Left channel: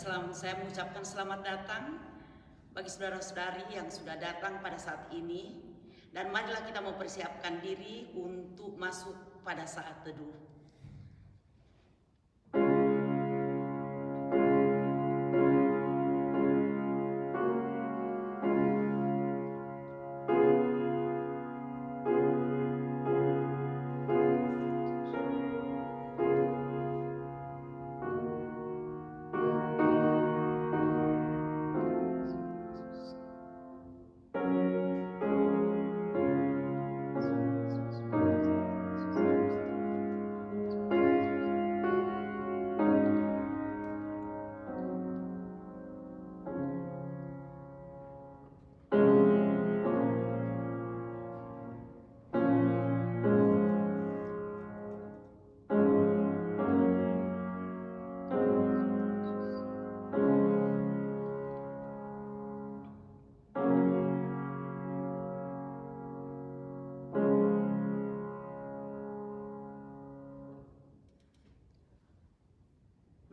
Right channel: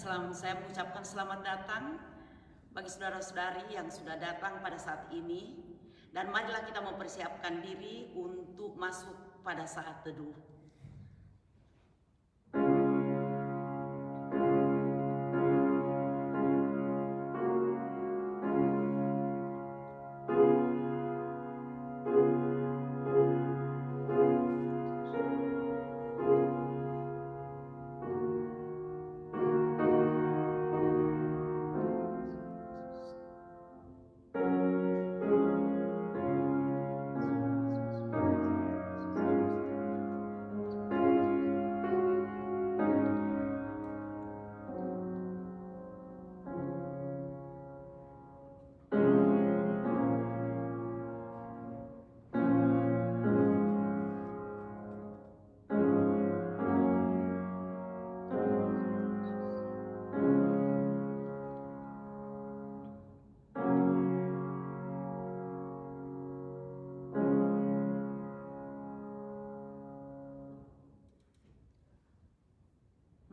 saya mengucapkan selamat datang bagi saudara-saudari yang sudah datang pada saat ini. Dan marilah kita mempersiapkan diri untuk masuk pada saat teduh.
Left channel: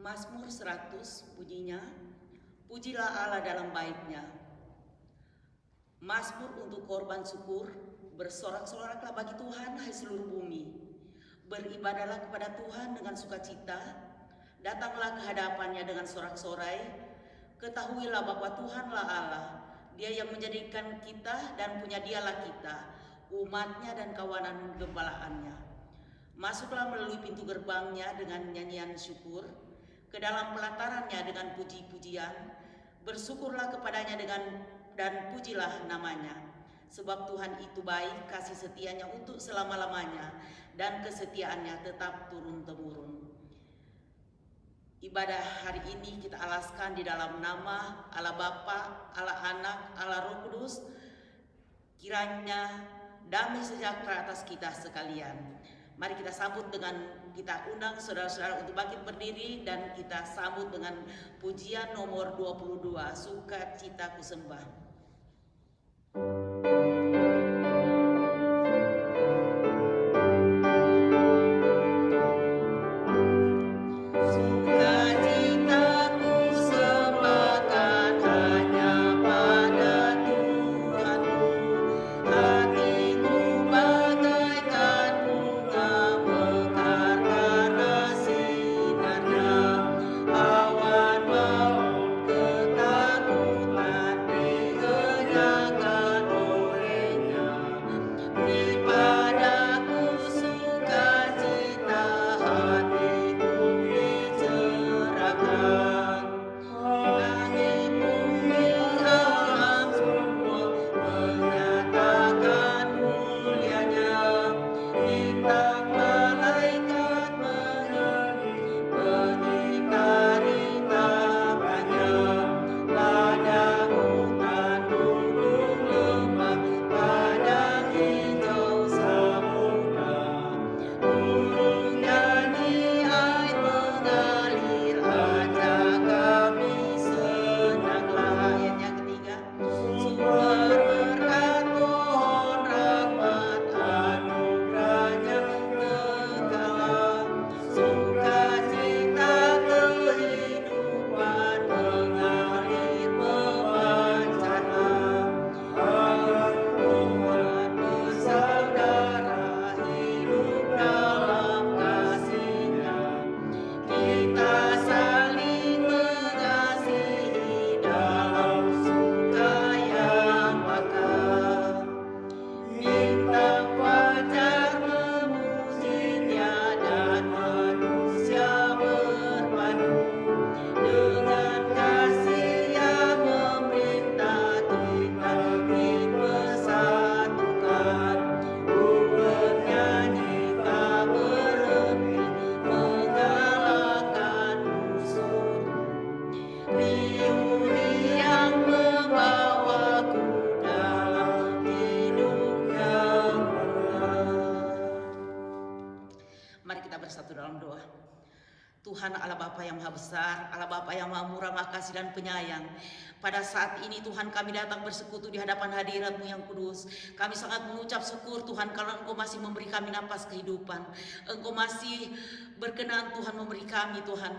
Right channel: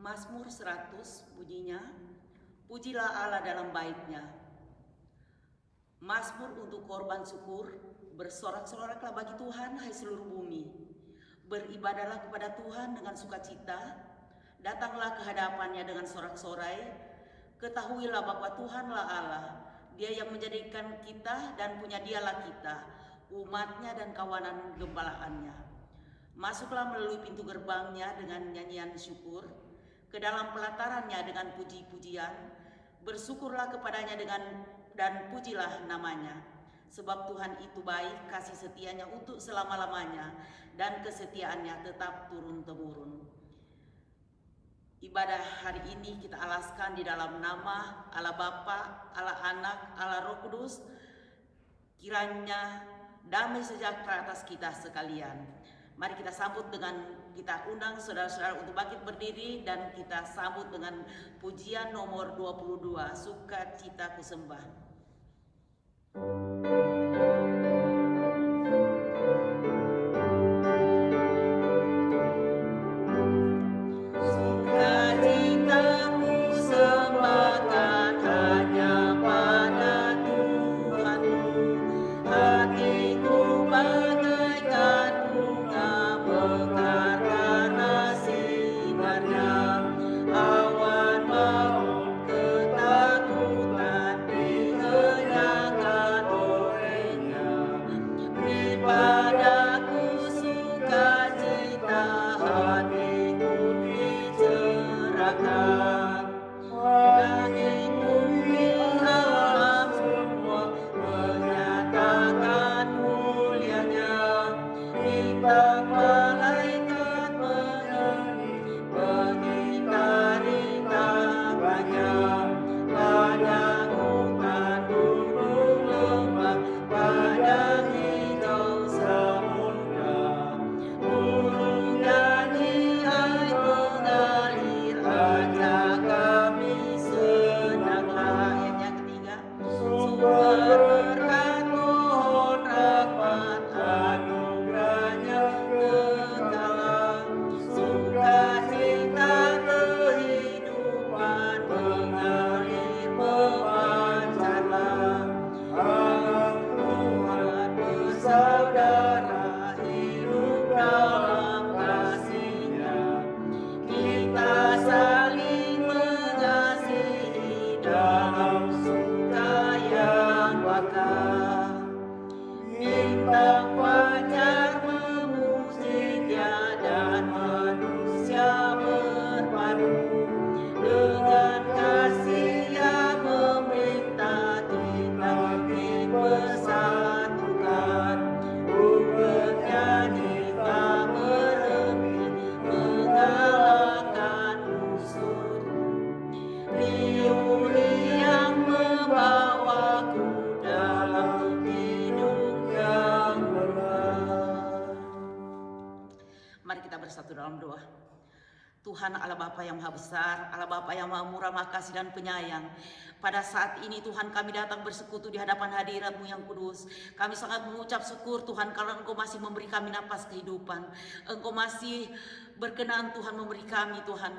Mazmur 100 bunyinya, pujilah Allah dalam bait-Nya. Mazmur untuk korban syukur, bersorak-soraklah bagi Tuhan hai seluruh bumi. Beribadahlah kepada Tuhan dengan sukacita, datanglah ke hadapannya dengan sorak-sorai. Ketahuilah bahwa Tuhanlah Allah, Dia yang menjadikan kita dan punya Dialah kita, umatnya dan kawanan gembalaannya. Masuklah melalui pintu gerbangnya dengan nyanyian syukur, ke dalam pelatarannya dengan puji-pujian, bersyukurlah kepadanya dan pujilah namanya. Sebab Tuhan itu baik, kasih setianya untuk selama-lamanya, dan kesetiaannya tetap turun-temurun. Ibadah hari ini kita alaskan di dalam nama Allah Bapa, Allah Anak, Allah Roh Kudus. Kiranya damai sejahtera atas kita sekalian. Mari kita sambut dengan, kita undang saudara-saudara untuk bangkit berdiri dan kita sambut dengan pujian nomor 22, Sukacita Ku Sembah. Tuhan Allah Bapa yang Maha Besar, Allah Bapa yang Maha Murah, Maha Kasih dan Penyayang. Pada saat ini Tuhan kami datang bersekutu di hadapan hadirat-Mu yang kudus. Kami sangat mengucap syukur Tuhan karena Engkau masih memberi kami napas kehidupan. Engkau masih berkenan Tuhan memberi kami Tuhan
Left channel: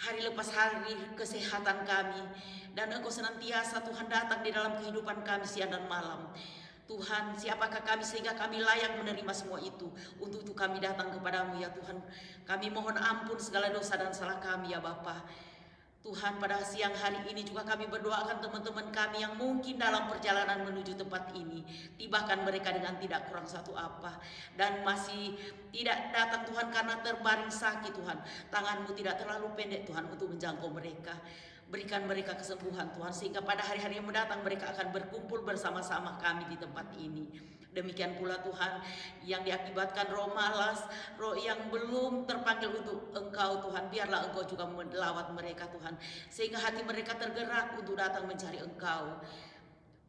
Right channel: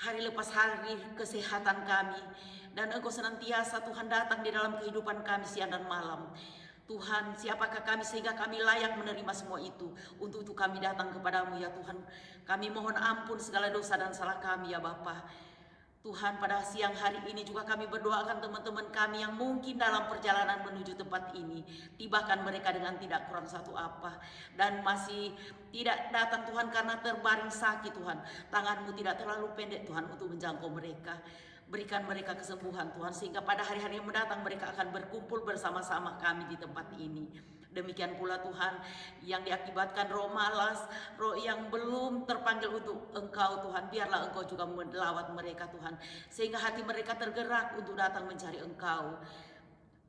hari lepas hari kesehatan kami. Dan Engkau senantiasa Tuhan datang di dalam kehidupan kami siang dan malam. Tuhan, siapakah kami sehingga kami layak menerima semua itu. Untuk itu kami datang kepadamu ya Tuhan. Kami mohon ampun segala dosa dan salah kami ya Bapa. Tuhan, pada siang hari ini juga kami berdoakan teman-teman kami yang mungkin dalam perjalanan menuju tempat ini. Tibakan mereka dengan tidak kurang satu apa. Dan masih tidak datang Tuhan karena terbaring sakit Tuhan. Tangan-Mu tidak terlalu pendek Tuhan untuk menjangkau mereka. Berikan mereka kesembuhan Tuhan, sehingga pada hari-hari yang mendatang mereka akan berkumpul bersama-sama kami di tempat ini. Demikian pula Tuhan, yang diakibatkan roh malas, roh yang belum terpanggil untuk Engkau Tuhan, biarlah Engkau juga melawat mereka Tuhan, sehingga hati mereka tergerak untuk datang mencari Engkau.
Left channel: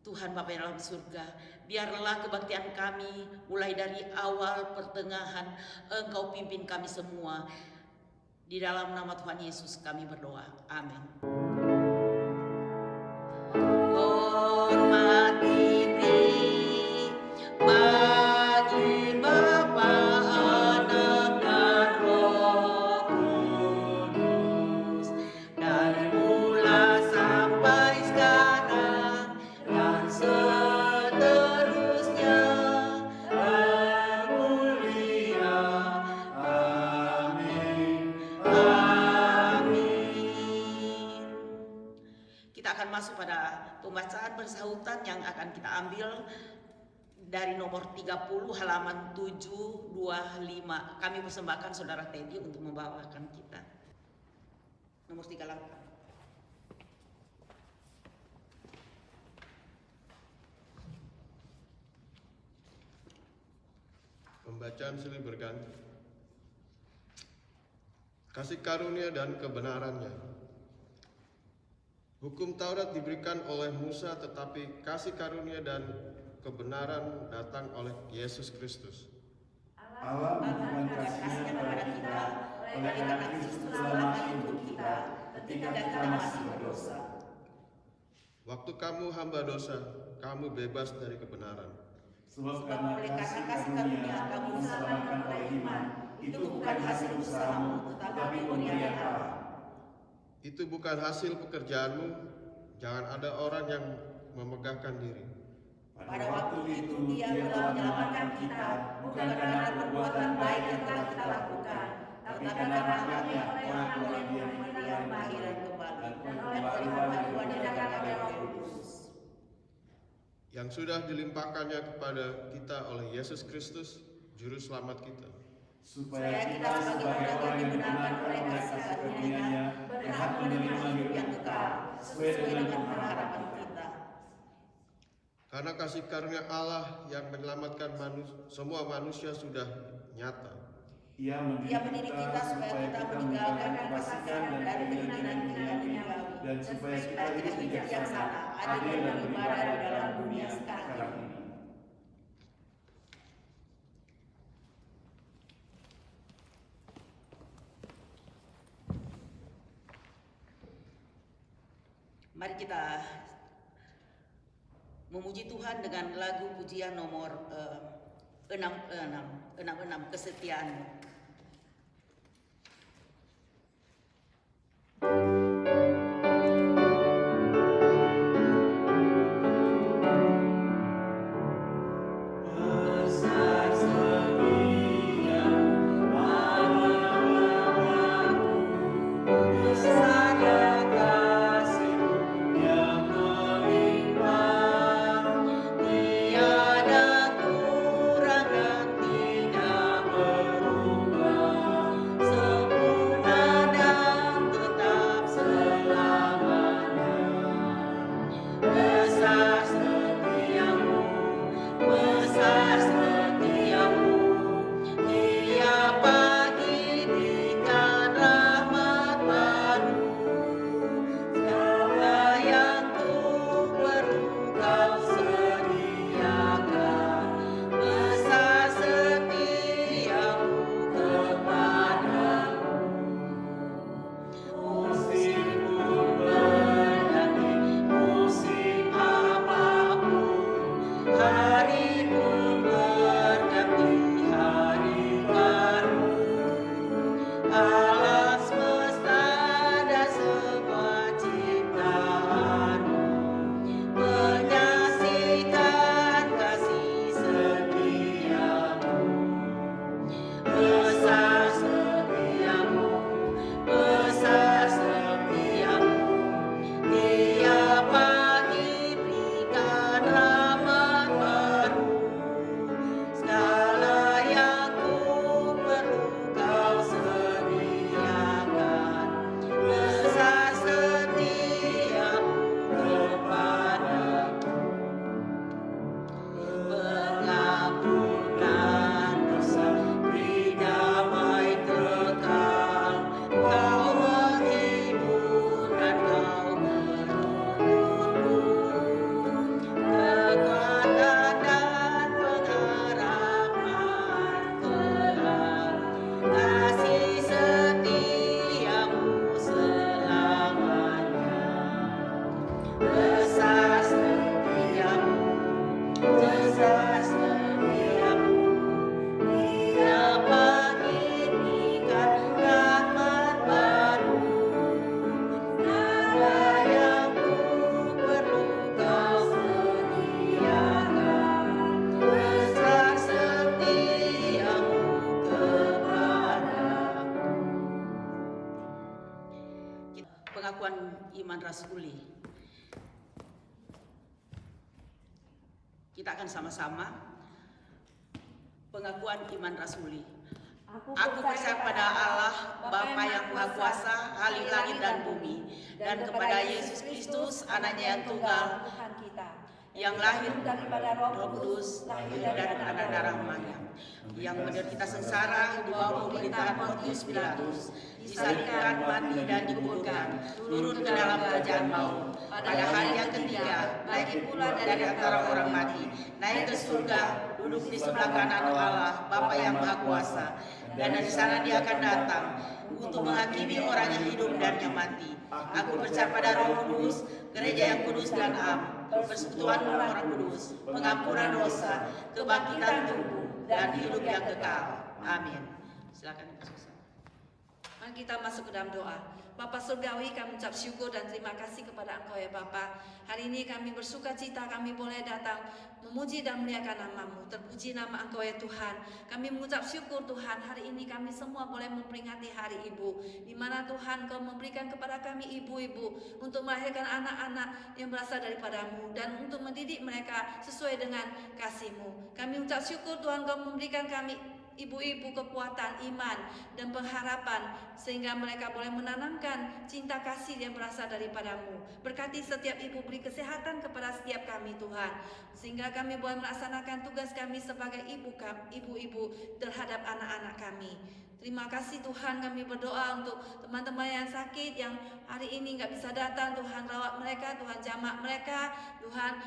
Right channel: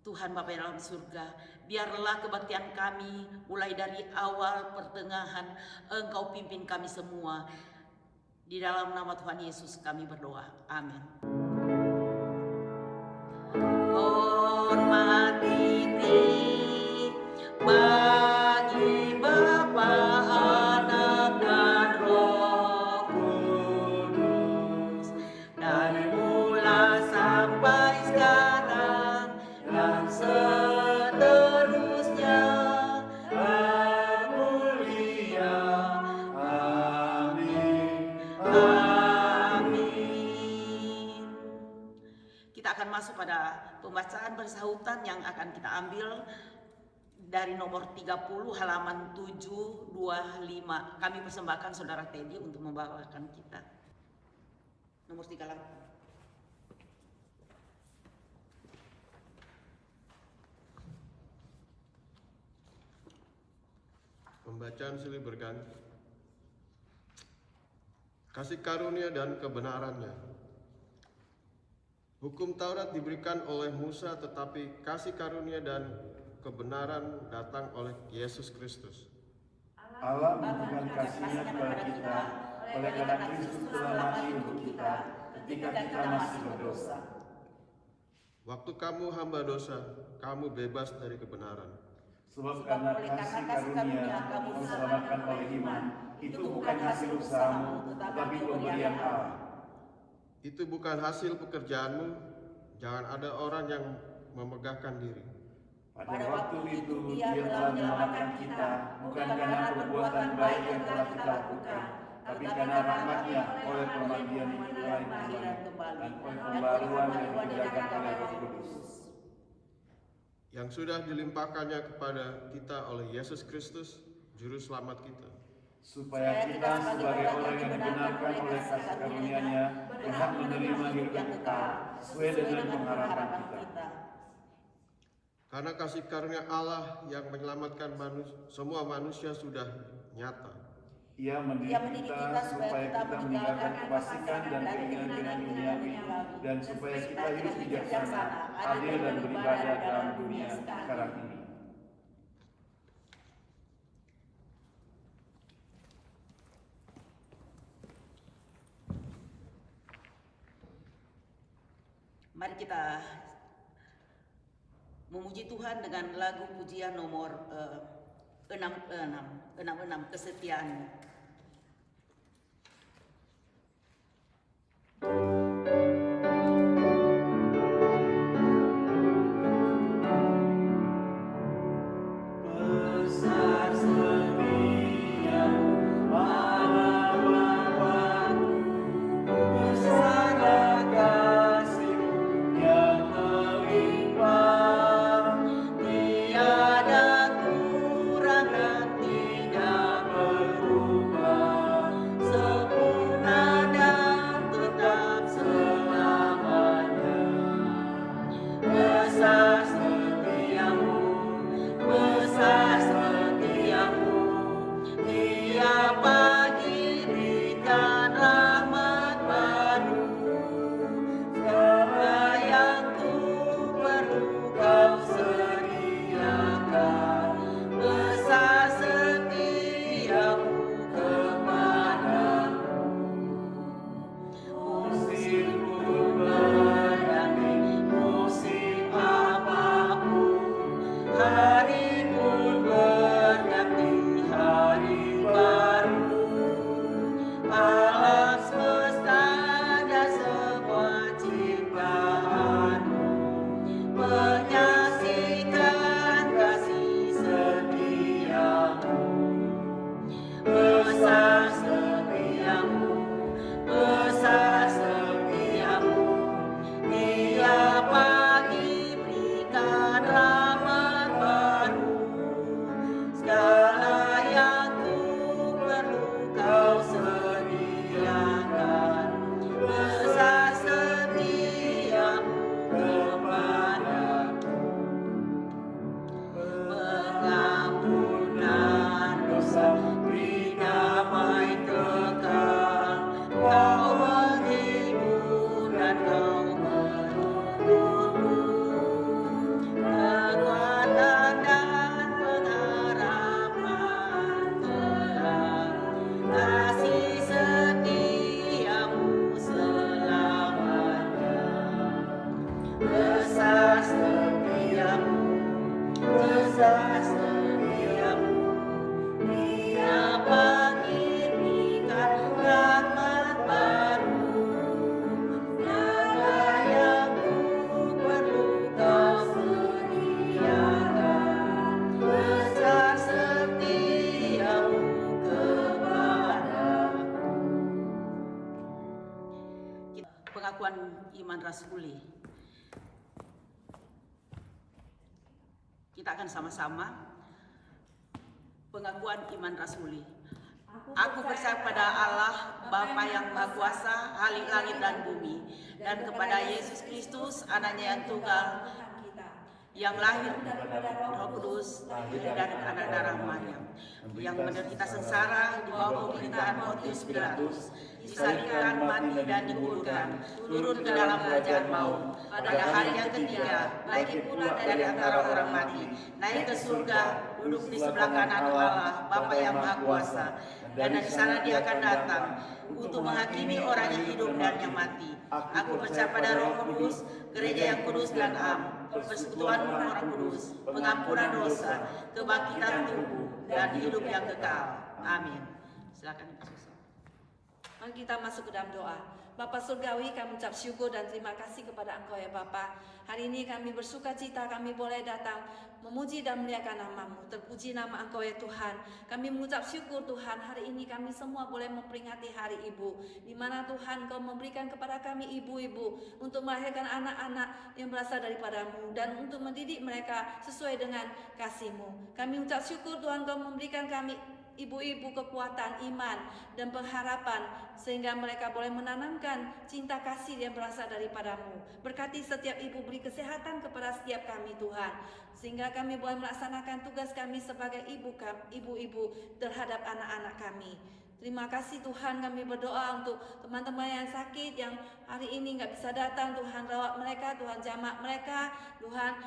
Tuhan Bapa yang dalam surga, biarlah kebaktian kami mulai dari awal pertengahan Engkau pimpin kami semua. Di dalam nama Tuhan Yesus kami berdoa. Amin. Hormat diri bagi Bapa, Anak, dan Roh Kudus, dari mula sampai sekarang dan seterusnya. Mulia. Amin. Amin. Kita akan masuk pada pembacaan bersahutan yang akan kita ambil dari nomor 30 halaman 725. Kami persembahkan Saudara Teddy untuk membawakan kita. Nomor 38. Pembacaan silih berganti. Kasih karunia dan kebenarannya. Hukum Taurat diberikan oleh Musa, tetapi kasih karunia dan kebenaran datang oleh Yesus Kristus. Allah memberikan kasih-Nya kepada kita oleh karena Kristus telah mati untuk kita ketika kita masih berdosa. Waktu kamu hamba dosa, kamu bebas dari kebenaran. Sebab oleh karena kasih karunia kamu diselamatkan oleh iman, itu bukan hasil usahamu, tetapi pemberian Allah. Itu bukan hasil pekerjaanmu, jangan ada orang yang memegahkan diri. Pada waktu itu Dia telah menyelamatkan kita, bukan karena perbuatan baik yang telah kita lakukan, tetapi karena rahmat-Nya oleh pemberian kelahiran kembali, dan oleh pembaruan yang dikatakan Roh Kudus. Yang sudah dilimpahkannya kepada kita oleh Yesus Kristus, Juru Selamat kita. Supaya kita sebagai orang yang dibenarkan oleh kasih karunia-Nya berhak menerima hidup yang kekal, sesuai dengan pengharapan kita. Karena kasih karunia Allah yang menyelamatkan semua manusia sudah nyata. Ia mendidik kita supaya kita meninggalkan kefasikan dan keinginan-keinginan duniawi, dan supaya kita hidup bijaksana, adil dan beribadah di dalam dunia sekarang ini. Mari kita memuji Tuhan dengan lagu pujian nomor 66, Kesetiaan-Mu. Tiada kurang dan tidak berubah. Besar setiamu, besar setiamu. Dapat diberikan rahmat baru, segala yang ku perlu kau sediakan. Besar setiamu kepadaku. Pengakuan iman rasuli. Kita akan sama-sama pengakuan iman rasuli. Aku percaya pada Allah, Bapa yang Maha Kuasa, Ahli langit dan bumi, dan kepada Yesus Kristus, Anaknya yang tunggal, Tuhan kita, yang lahir daripada Roh Kudus, lahir dari anak darah Maryam, yang menderita sengsara di bawah pemerintahan Pontius Pilatus, disalibkan, mati dan dikuburkan, turun ke dalam kerajaan maut. Pada hari yang ketiga, naik pula dari antara orang mati, naik ke surga, duduk di sebelah kanan Allah, Bapa yang Maha Kuasa, dan dari sana Dia akan datang untuk menghakimi orang yang hidup dan yang mati. Aku percaya pada Roh Kudus, gereja yang kudus dan am, persekutuan orang kudus, pengampunan dosa, kebangkitan tubuh, dan hidup yang kekal. Amin. Silakan Ibu Susan. Mari kita masuk ke dalam doa. Bapa Surgawi, kami ucap syukur dan terima kasih kepada Engkau ya Bapa. Hari ini kami bersuka cita, kami boleh datang memuji dan memuliakan nama-Mu. Terpuji nama Engkau ya Tuhan. Kami mengucap syukur Tuhan, hari ini kami semua boleh memperingati Hari Ibu, di mana Tuhan Kau memberikan kepada kami ibu-ibu untuk melahirkan anak-anak yang berasal daripada-Mu dan untuk mendidik mereka sesuai dengan kasih-Mu. Kami ucap syukur Tuhan Kau memberikan kami ibu-ibu kekuatan iman dan pengharapan sehingga mereka boleh menanamkan cinta kasih yang berasal daripada-Mu. Berkati setiap ibu, beri kesehatan kepada setiap kami Tuhan, sehingga kami boleh melaksanakan tugas kami sebagai ibu-ibu terhadap anak-anak kami. Terima kasih Tuhan, kami berdoa untuk teman-teman yang sakit, yang hari ini nggak bisa datang. Tuhan rawat mereka, Tuhan jamak mereka, Tuhan,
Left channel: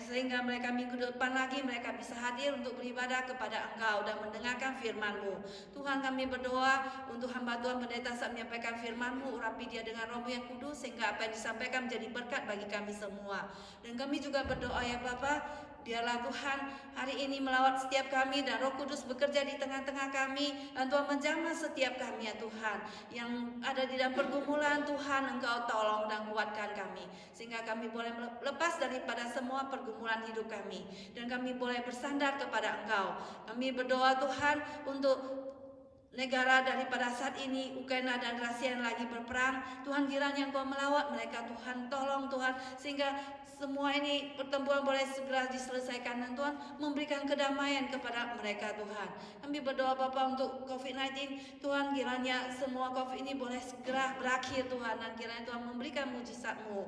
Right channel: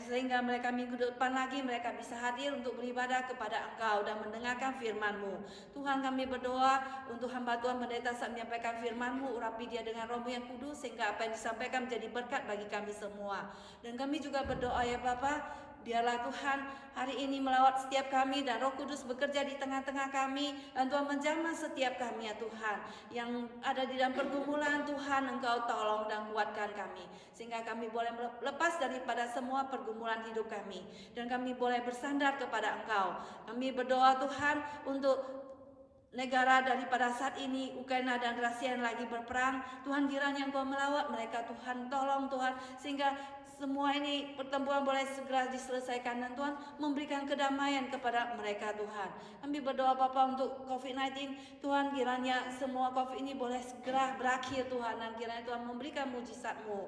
sehingga mereka minggu depan lagi mereka bisa hadir untuk beribadah kepada Engkau dan mendengarkan firman-Mu. Tuhan, kami berdoa untuk hamba Tuhan pendeta saat menyampaikan firman-Mu, urapi dia dengan Roh-Mu yang kudus sehingga apa yang disampaikan menjadi berkat bagi kami semua. Dan kami juga berdoa ya Bapa, biarlah Tuhan hari ini melawat setiap kami dan Roh Kudus bekerja di tengah-tengah kami, dan Tuhan menjamah setiap kami ya Tuhan, yang ada di dalam pergumulan. Tuhan Engkau tolong dan kuatkan kami sehingga kami boleh lepas daripada semua pergumulan hidup kami dan kami boleh bersandar kepada Engkau. Kami berdoa Tuhan untuk negara daripada saat ini, Ukraina dan Rusia yang lagi berperang. Tuhan, kiranya Engkau melawat mereka Tuhan, tolong Tuhan sehingga semua ini pertempuran boleh segera diselesaikan dan Tuhan memberikan kedamaian kepada mereka Tuhan. Kami berdoa Bapa untuk COVID-19, Tuhan kiranya semua COVID ini boleh segera berakhir Tuhan, dan kiranya Tuhan memberikan mujizat-Mu.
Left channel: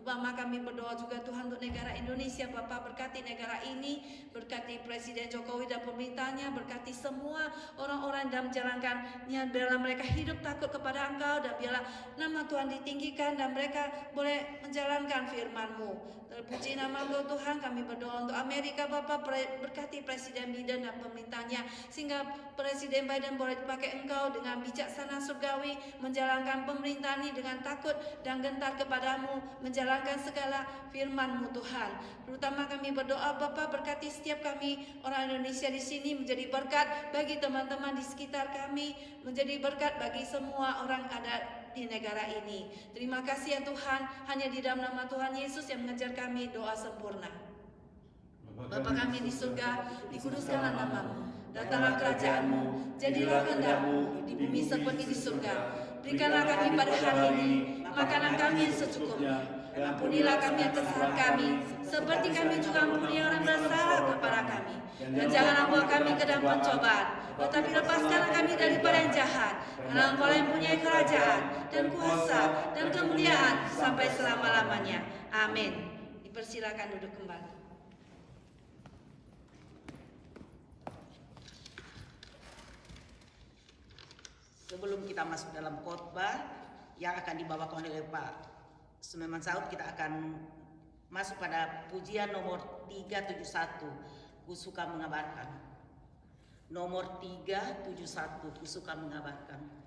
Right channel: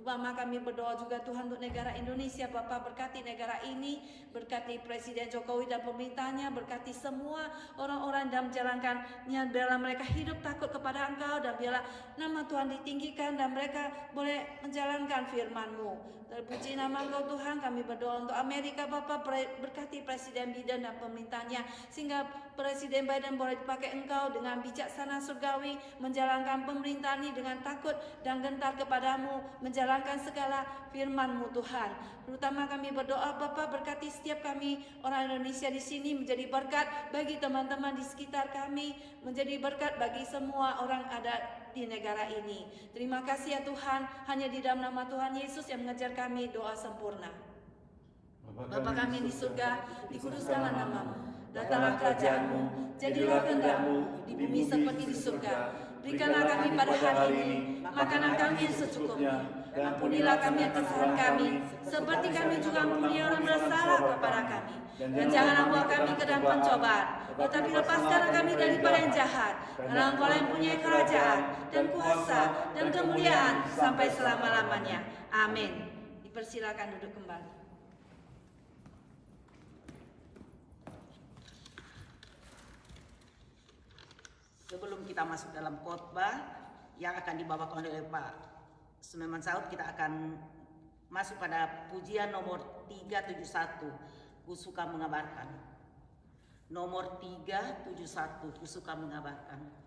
Bapa, kami berdoa juga Tuhan untuk negara Indonesia Bapa, berkati negara ini, berkati Presiden Jokowi dan pemerintahnya, berkati semua orang-orang dalam menjalankan niat, biarlah mereka hidup takut kepada Engkau dan biarlah nama Tuhan ditinggikan dan mereka boleh menjalankan firman-Mu. Terpuji nama Engkau Tuhan. Kami berdoa untuk Amerika Bapa, berkati Presiden Biden dan pemerintahnya sehingga Presiden Biden boleh dipakai Engkau dengan bijaksana surgawi, menjalankan pemerintahan ini dengan takut dan gentar kepadamu, menjalankan segala firman-Mu Tuhan. Terutama kami berdoa Bapa, berkati setiap kami orang Indonesia di sini, menjadi berkat bagi teman-teman di sekitar kami, menjadi berkat bagi semua orang ada di negara ini. Terima kasih ya Tuhan, hanya di dalam nama Tuhan Yesus yang mengajar kami doa sempurna. Bapa kami di surga, dikuduskanlah nama-Mu, datanglah kerajaan-Mu, jadilah kehendak-Mu di bumi seperti di surga. Berikanlah kami pada hari ini makanan kami yang secukupnya. Ampunilah kami yang kesalahan kami, seperti kami juga ampuni orang bersalah kepada kami. Dan janganlah bawa kami ke dalam pencobaan, tetapi lepaskanlah kami daripada yang jahat. Karena Engkau yang punya kerajaan dan kuasa dan kemuliaan sampai selama-lamanya. Amin. Dipersilakan duduk kembali. Sebelum kita masuk dalam khotbah yang akan dibawakan oleh Pak Suleman Saud, kita akan masuk pada pujian nomor 371, Ku Suka Mengabarkan. Nomor 371, Ku Suka Mengabarkan.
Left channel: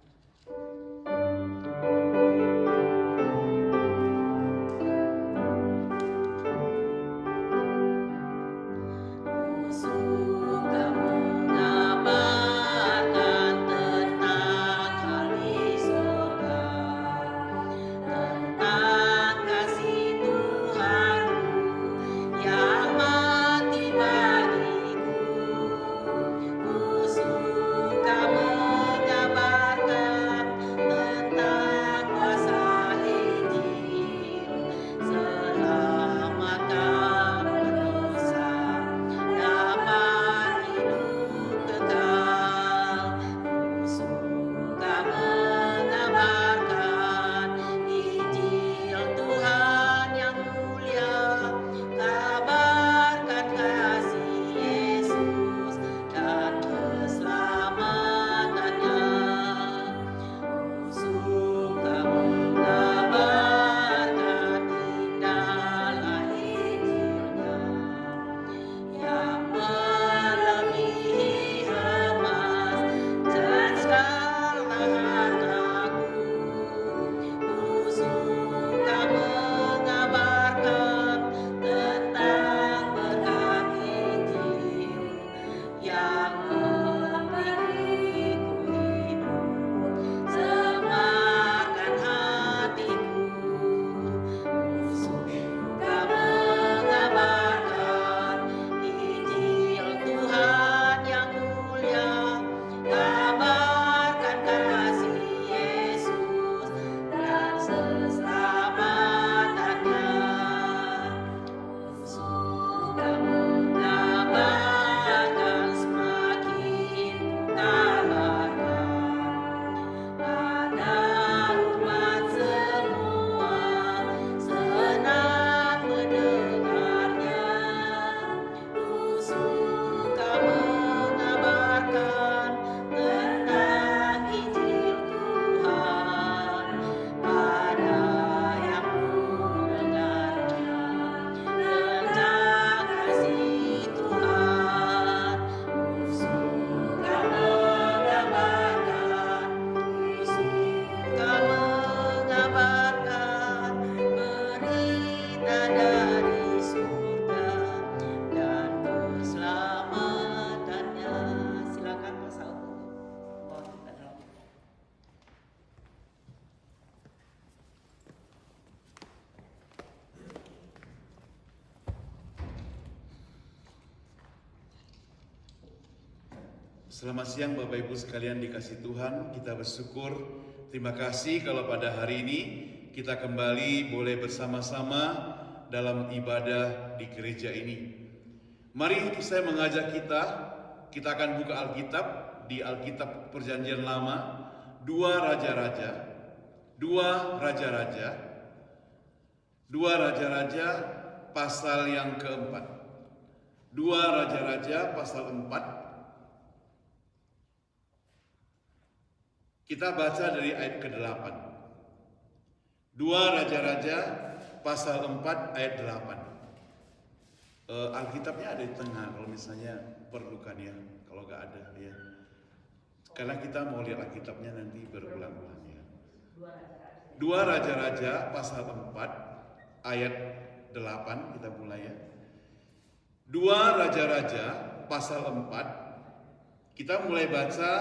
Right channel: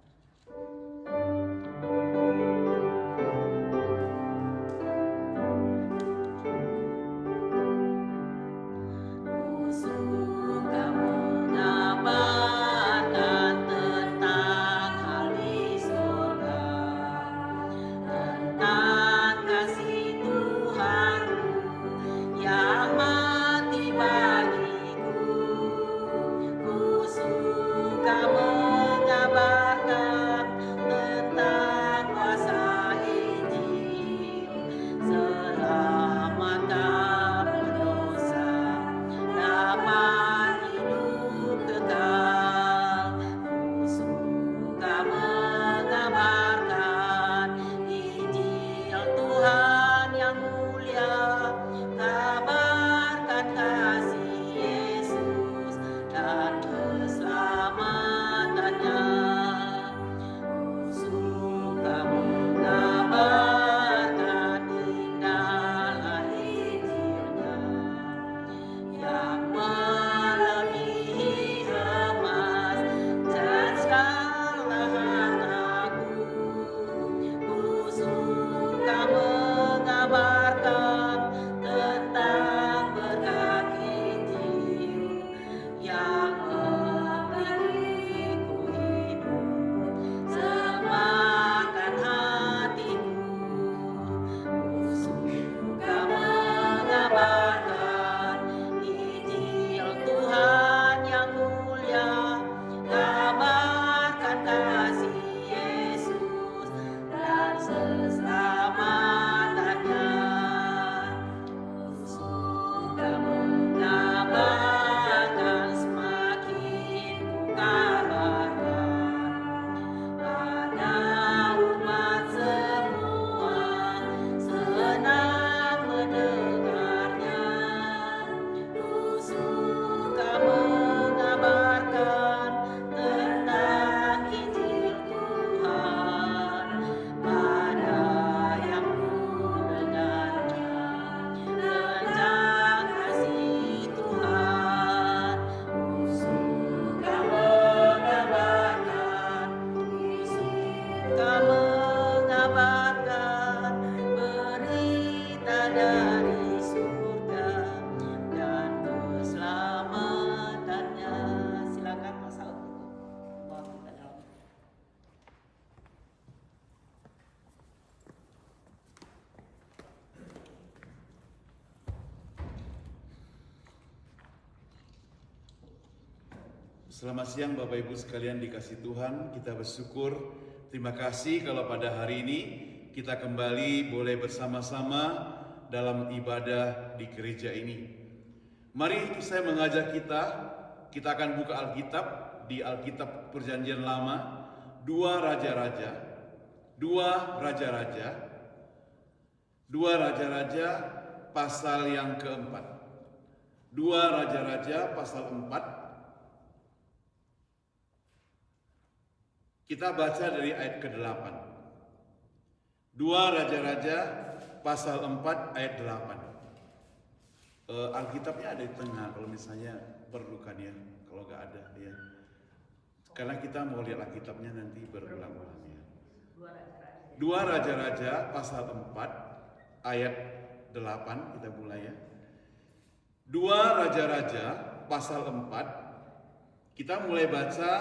Selamat siang Bapak Ibu sekalian dikasih Tuhan. Kita bersyukur, terima kasih kalau pada hari ini kita kembali boleh bersama-sama dalam ibadah di gereja ini. Mari saya mengajak kita akan buka Alkitab di Alkitab Perjanjian Lama, 2 Raja-Raja pasal yang keempat. 2 Raja-Raja pasal 4. Kita baca dari ayat ke-8. 2 Raja-Raja pasal 4 ayat 8. Alkitabnya ada di tengah kalau misalnya perlukan ya, kalau nggak ada ya. Karena kita mau lihat Alkitabnya nanti berulang-ulang ya. 2 Raja-Raja pasal 4 ayat 8 kita mulai ya. 2 Raja-Raja pasal 4 kita mulai baca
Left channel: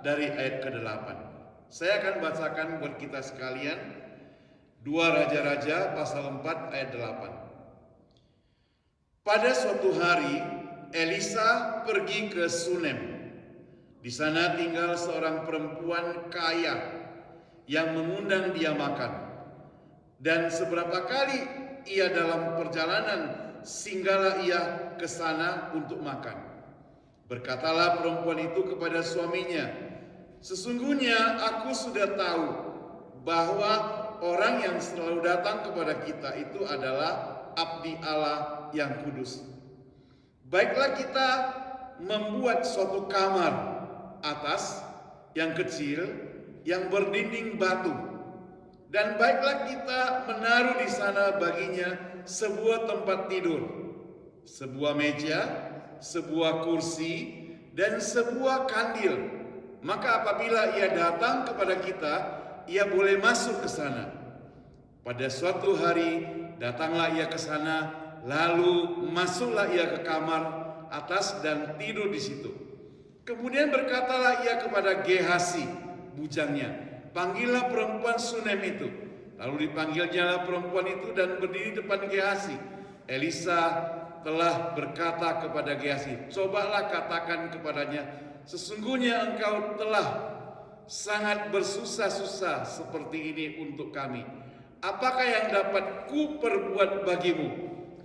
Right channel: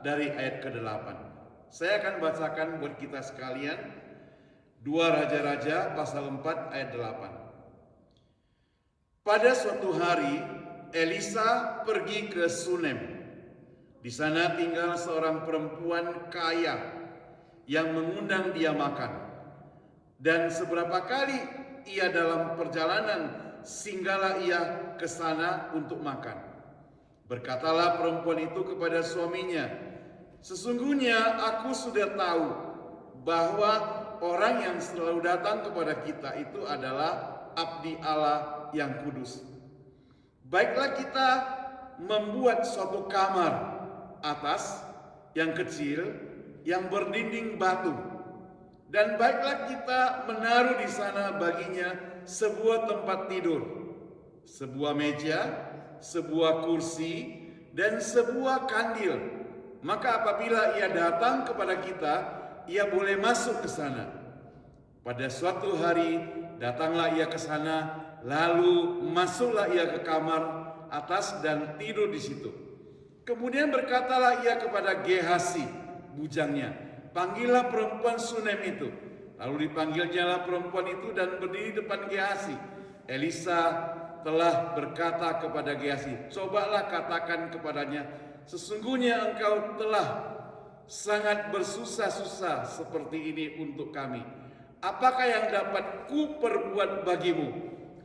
dari ayat ke-8. Saya akan bacakan buat kita sekalian 2 Raja-Raja pasal 4 ayat 8. Pada suatu hari Elisa pergi ke Sunem. Di sana tinggal seorang perempuan kaya yang mengundang dia makan. Dan seberapa kali ia dalam perjalanan singgahlah ia ke sana untuk makan. Berkatalah perempuan itu kepada suaminya, "Sesungguhnya aku sudah tahu bahwa orang yang selalu datang kepada kita itu adalah abdi Allah yang kudus. Baiklah kita membuat suatu kamar atas yang kecil yang berdinding batu. Dan baiklah kita menaruh di sana baginya sebuah tempat tidur, sebuah meja, sebuah kursi, dan sebuah kandil. Maka apabila ia datang kepada kita, ia boleh masuk ke sana." Pada suatu hari datanglah ia ke sana, lalu masuklah ia ke kamar atas dan tidur di situ. Kemudian berkatalah ia kepada Gehasi, bujangnya, "Panggillah perempuan Sunem itu." Lalu dipanggilnyalah perempuan itu dan berdiri depan Gehasi. Elisa telah berkata kepada Gehasi, "Cobalah katakan kepadanya, sesungguhnya engkau telah sangat bersusah-susah seperti ini untuk kami. Apakah yang dapat ku perbuat bagimu?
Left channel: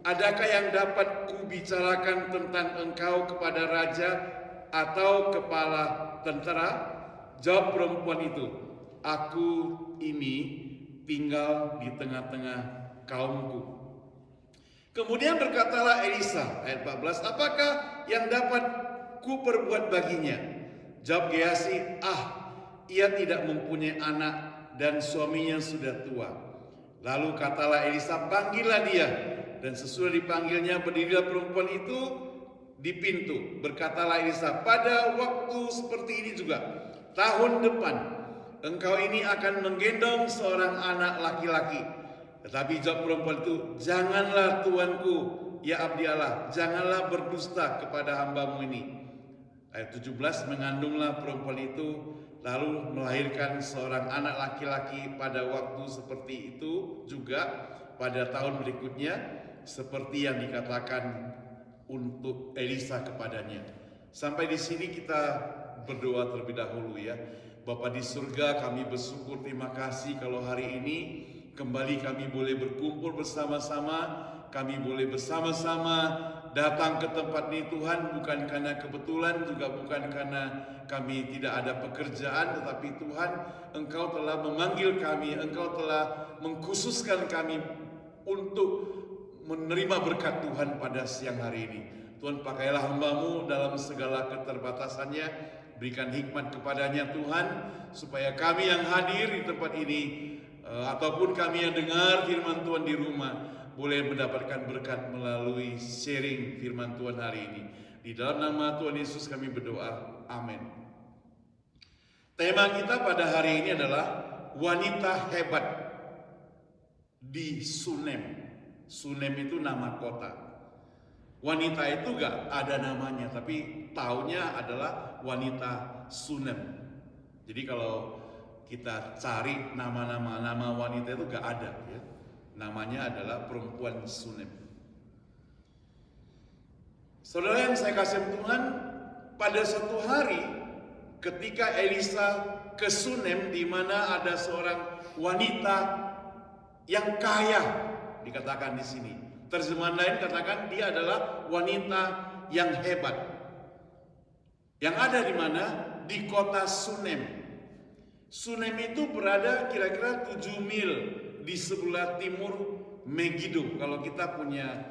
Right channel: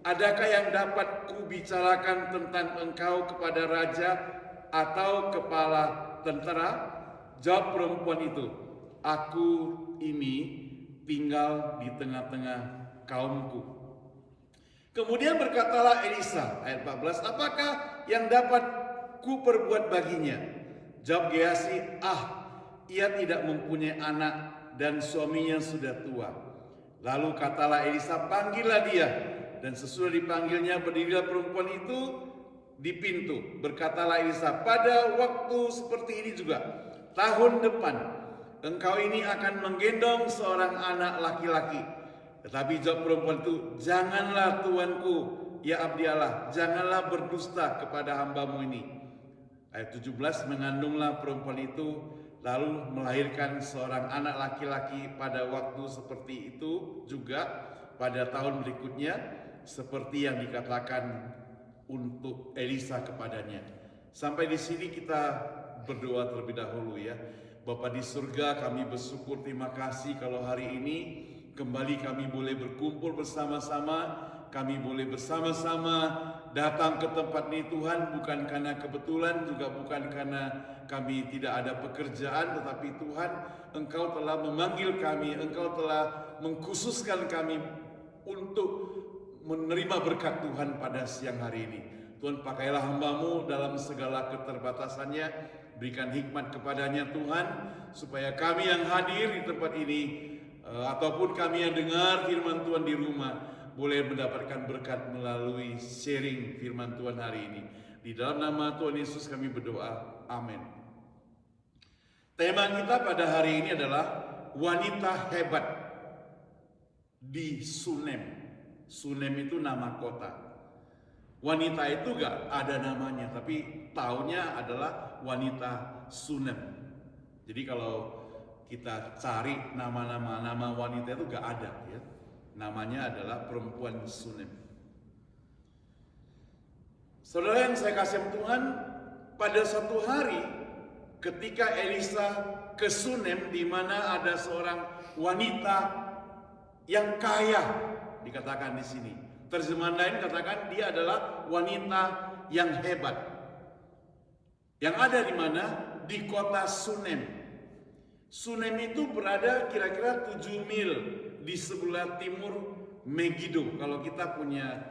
Adakah yang dapat ku bicarakan tentang engkau kepada raja atau kepala tentara?" Jawab perempuan itu, "Aku ini tinggal di tengah-tengah kaumku." Kemudian berkatalah Elisa, ayat 14, "Apakah yang dapat ku perbuat baginya?" Jawab Gehasi, ia tidak mempunyai anak dan suaminya sudah tua." Lalu katalah Elisa, "Panggillah dia." Dan sesudah dipanggilnya berdirilah perempuan itu di pintu. Berkatalah Elisa, "Pada waktu seperti ini juga, tahun depan, engkau ini akan menggendong seorang anak laki-laki." Tetapi jawab perempuan itu, "Janganlah tuanku, ya abdi Allah, janganlah berdusta kepada hambamu ini." Ayat 17, mengandunglah perempuan itu, lalu melahirkan seorang anak laki-laki pada waktu seperti itu juga pada tahun berikutnya, seperti yang dikatakan untuk Elisa kepadanya. Sampai di sini kita berdoa terlebih dahulu ya. Bapa di surga, kami bersyukur, terima kasih kalau hari ini kembali kami boleh berkumpul bersama-sama. Kami boleh bersama-sama datang ke tempat ini Tuhan, bukan karena kebetulan, juga bukan karena kami tidak ada pekerjaan, tetapi Tuhan, Engkau telah memanggil kami, Engkau telah mengkhususkan kami untuk menerima berkat Tuhan pada siang hari ini. Tuhan, pakailah hamba-Mu dalam segala keterbatasannya, berikan hikmat kepadanya Tuhan, supaya kami yang hadir di tempat ini, ataupun kami yang dengar firman Tuhan di rumah, boleh mendapatkan berkat melalui sharing firman Tuhan hari ini. Di dalam nama Tuhan Yesus kami berdoa. Amin. Tema kita pada hari ini adalah wanita hebat di Sunem. Sunem itu nama kota. Wanita itu gak ada namanya, tapi taunya adalah wanita Sunem. Jadi kalau kita cari nama wanita itu gak ada ya. Namanya adalah perempuan Sunem. Saudara yang saya kasih Tuhan, pada satu hari ketika Elisa ke Sunem, di mana ada seorang wanita yang kaya, dikatakan di sini. Terjemahan lain katakan dia adalah wanita yang hebat. Yang ada di mana? Di kota Sunem. Sunem itu berada kira-kira 7 mil di sebelah timur Megiddo. Kalau kita punya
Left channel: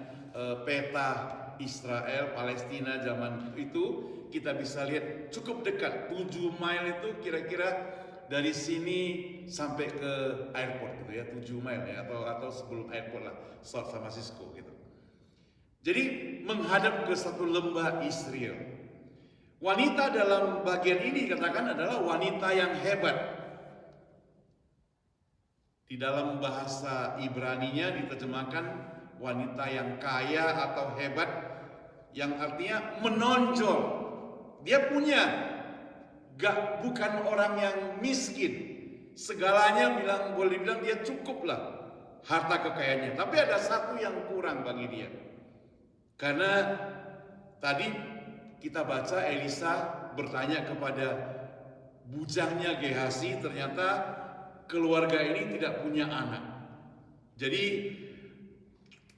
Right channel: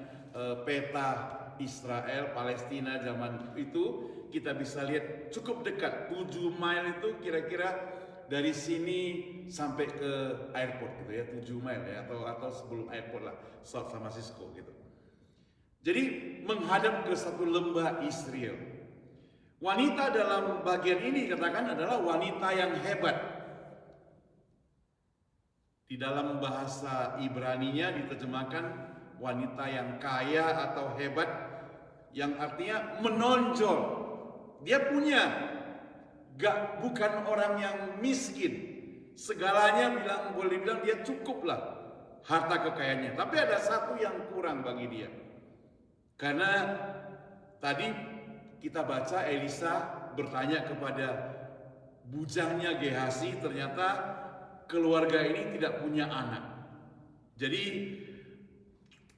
peta Israel, Palestina zaman itu, kita bisa lihat cukup dekat. 7 mile itu kira-kira dari sini sampai ke airport gitu ya, 7 mile ya, atau sebelum airport lah, San Francisco gitu. Jadi menghadap ke satu lembah Israel. Wanita dalam bagian ini katakan adalah wanita yang hebat. Di dalam bahasa Ibraninya diterjemahkan wanita yang kaya atau hebat, yang artinya menonjol. Dia punya, bukan orang yang miskin. Segalanya boleh dibilang dia cukup lah harta kekayaannya. Tapi ada satu yang kurang bagi dia. Karena tadi kita baca Elisa bertanya kepada bujangnya Gehazi, ternyata keluarga ini tidak punya anak. Jadi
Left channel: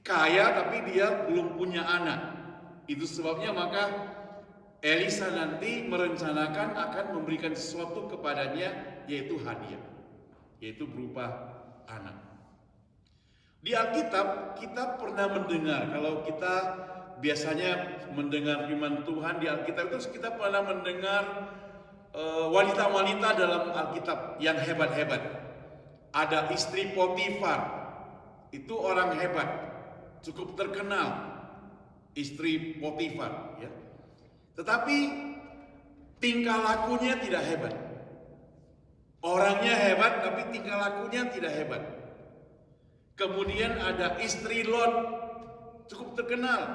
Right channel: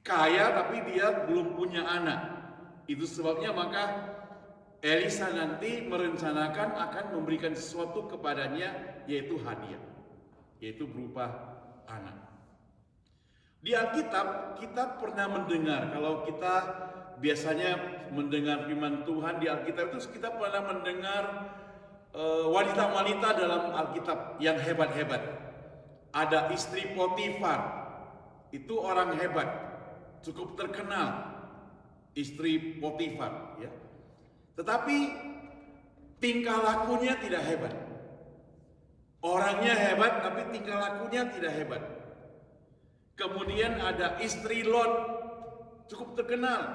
kaya tapi dia belum punya anak. Itu sebabnya maka Elisa nanti merencanakan akan memberikan sesuatu kepadanya, yaitu hadiah, yaitu berupa anak. Di Alkitab kita pernah mendengar, kalau kita biasanya mendengar firman Tuhan di Alkitab itu kita pernah mendengar wanita-wanita dalam Alkitab yang hebat-hebat. Ada istri Potifar, itu orang hebat, cukup terkenal, istri Potifar, ya. Tetapi tingkah lakunya tidak hebat. Orangnya hebat, tapi tingkah lakunya tidak hebat. Kemudian ada istri Lot, cukup terkenal,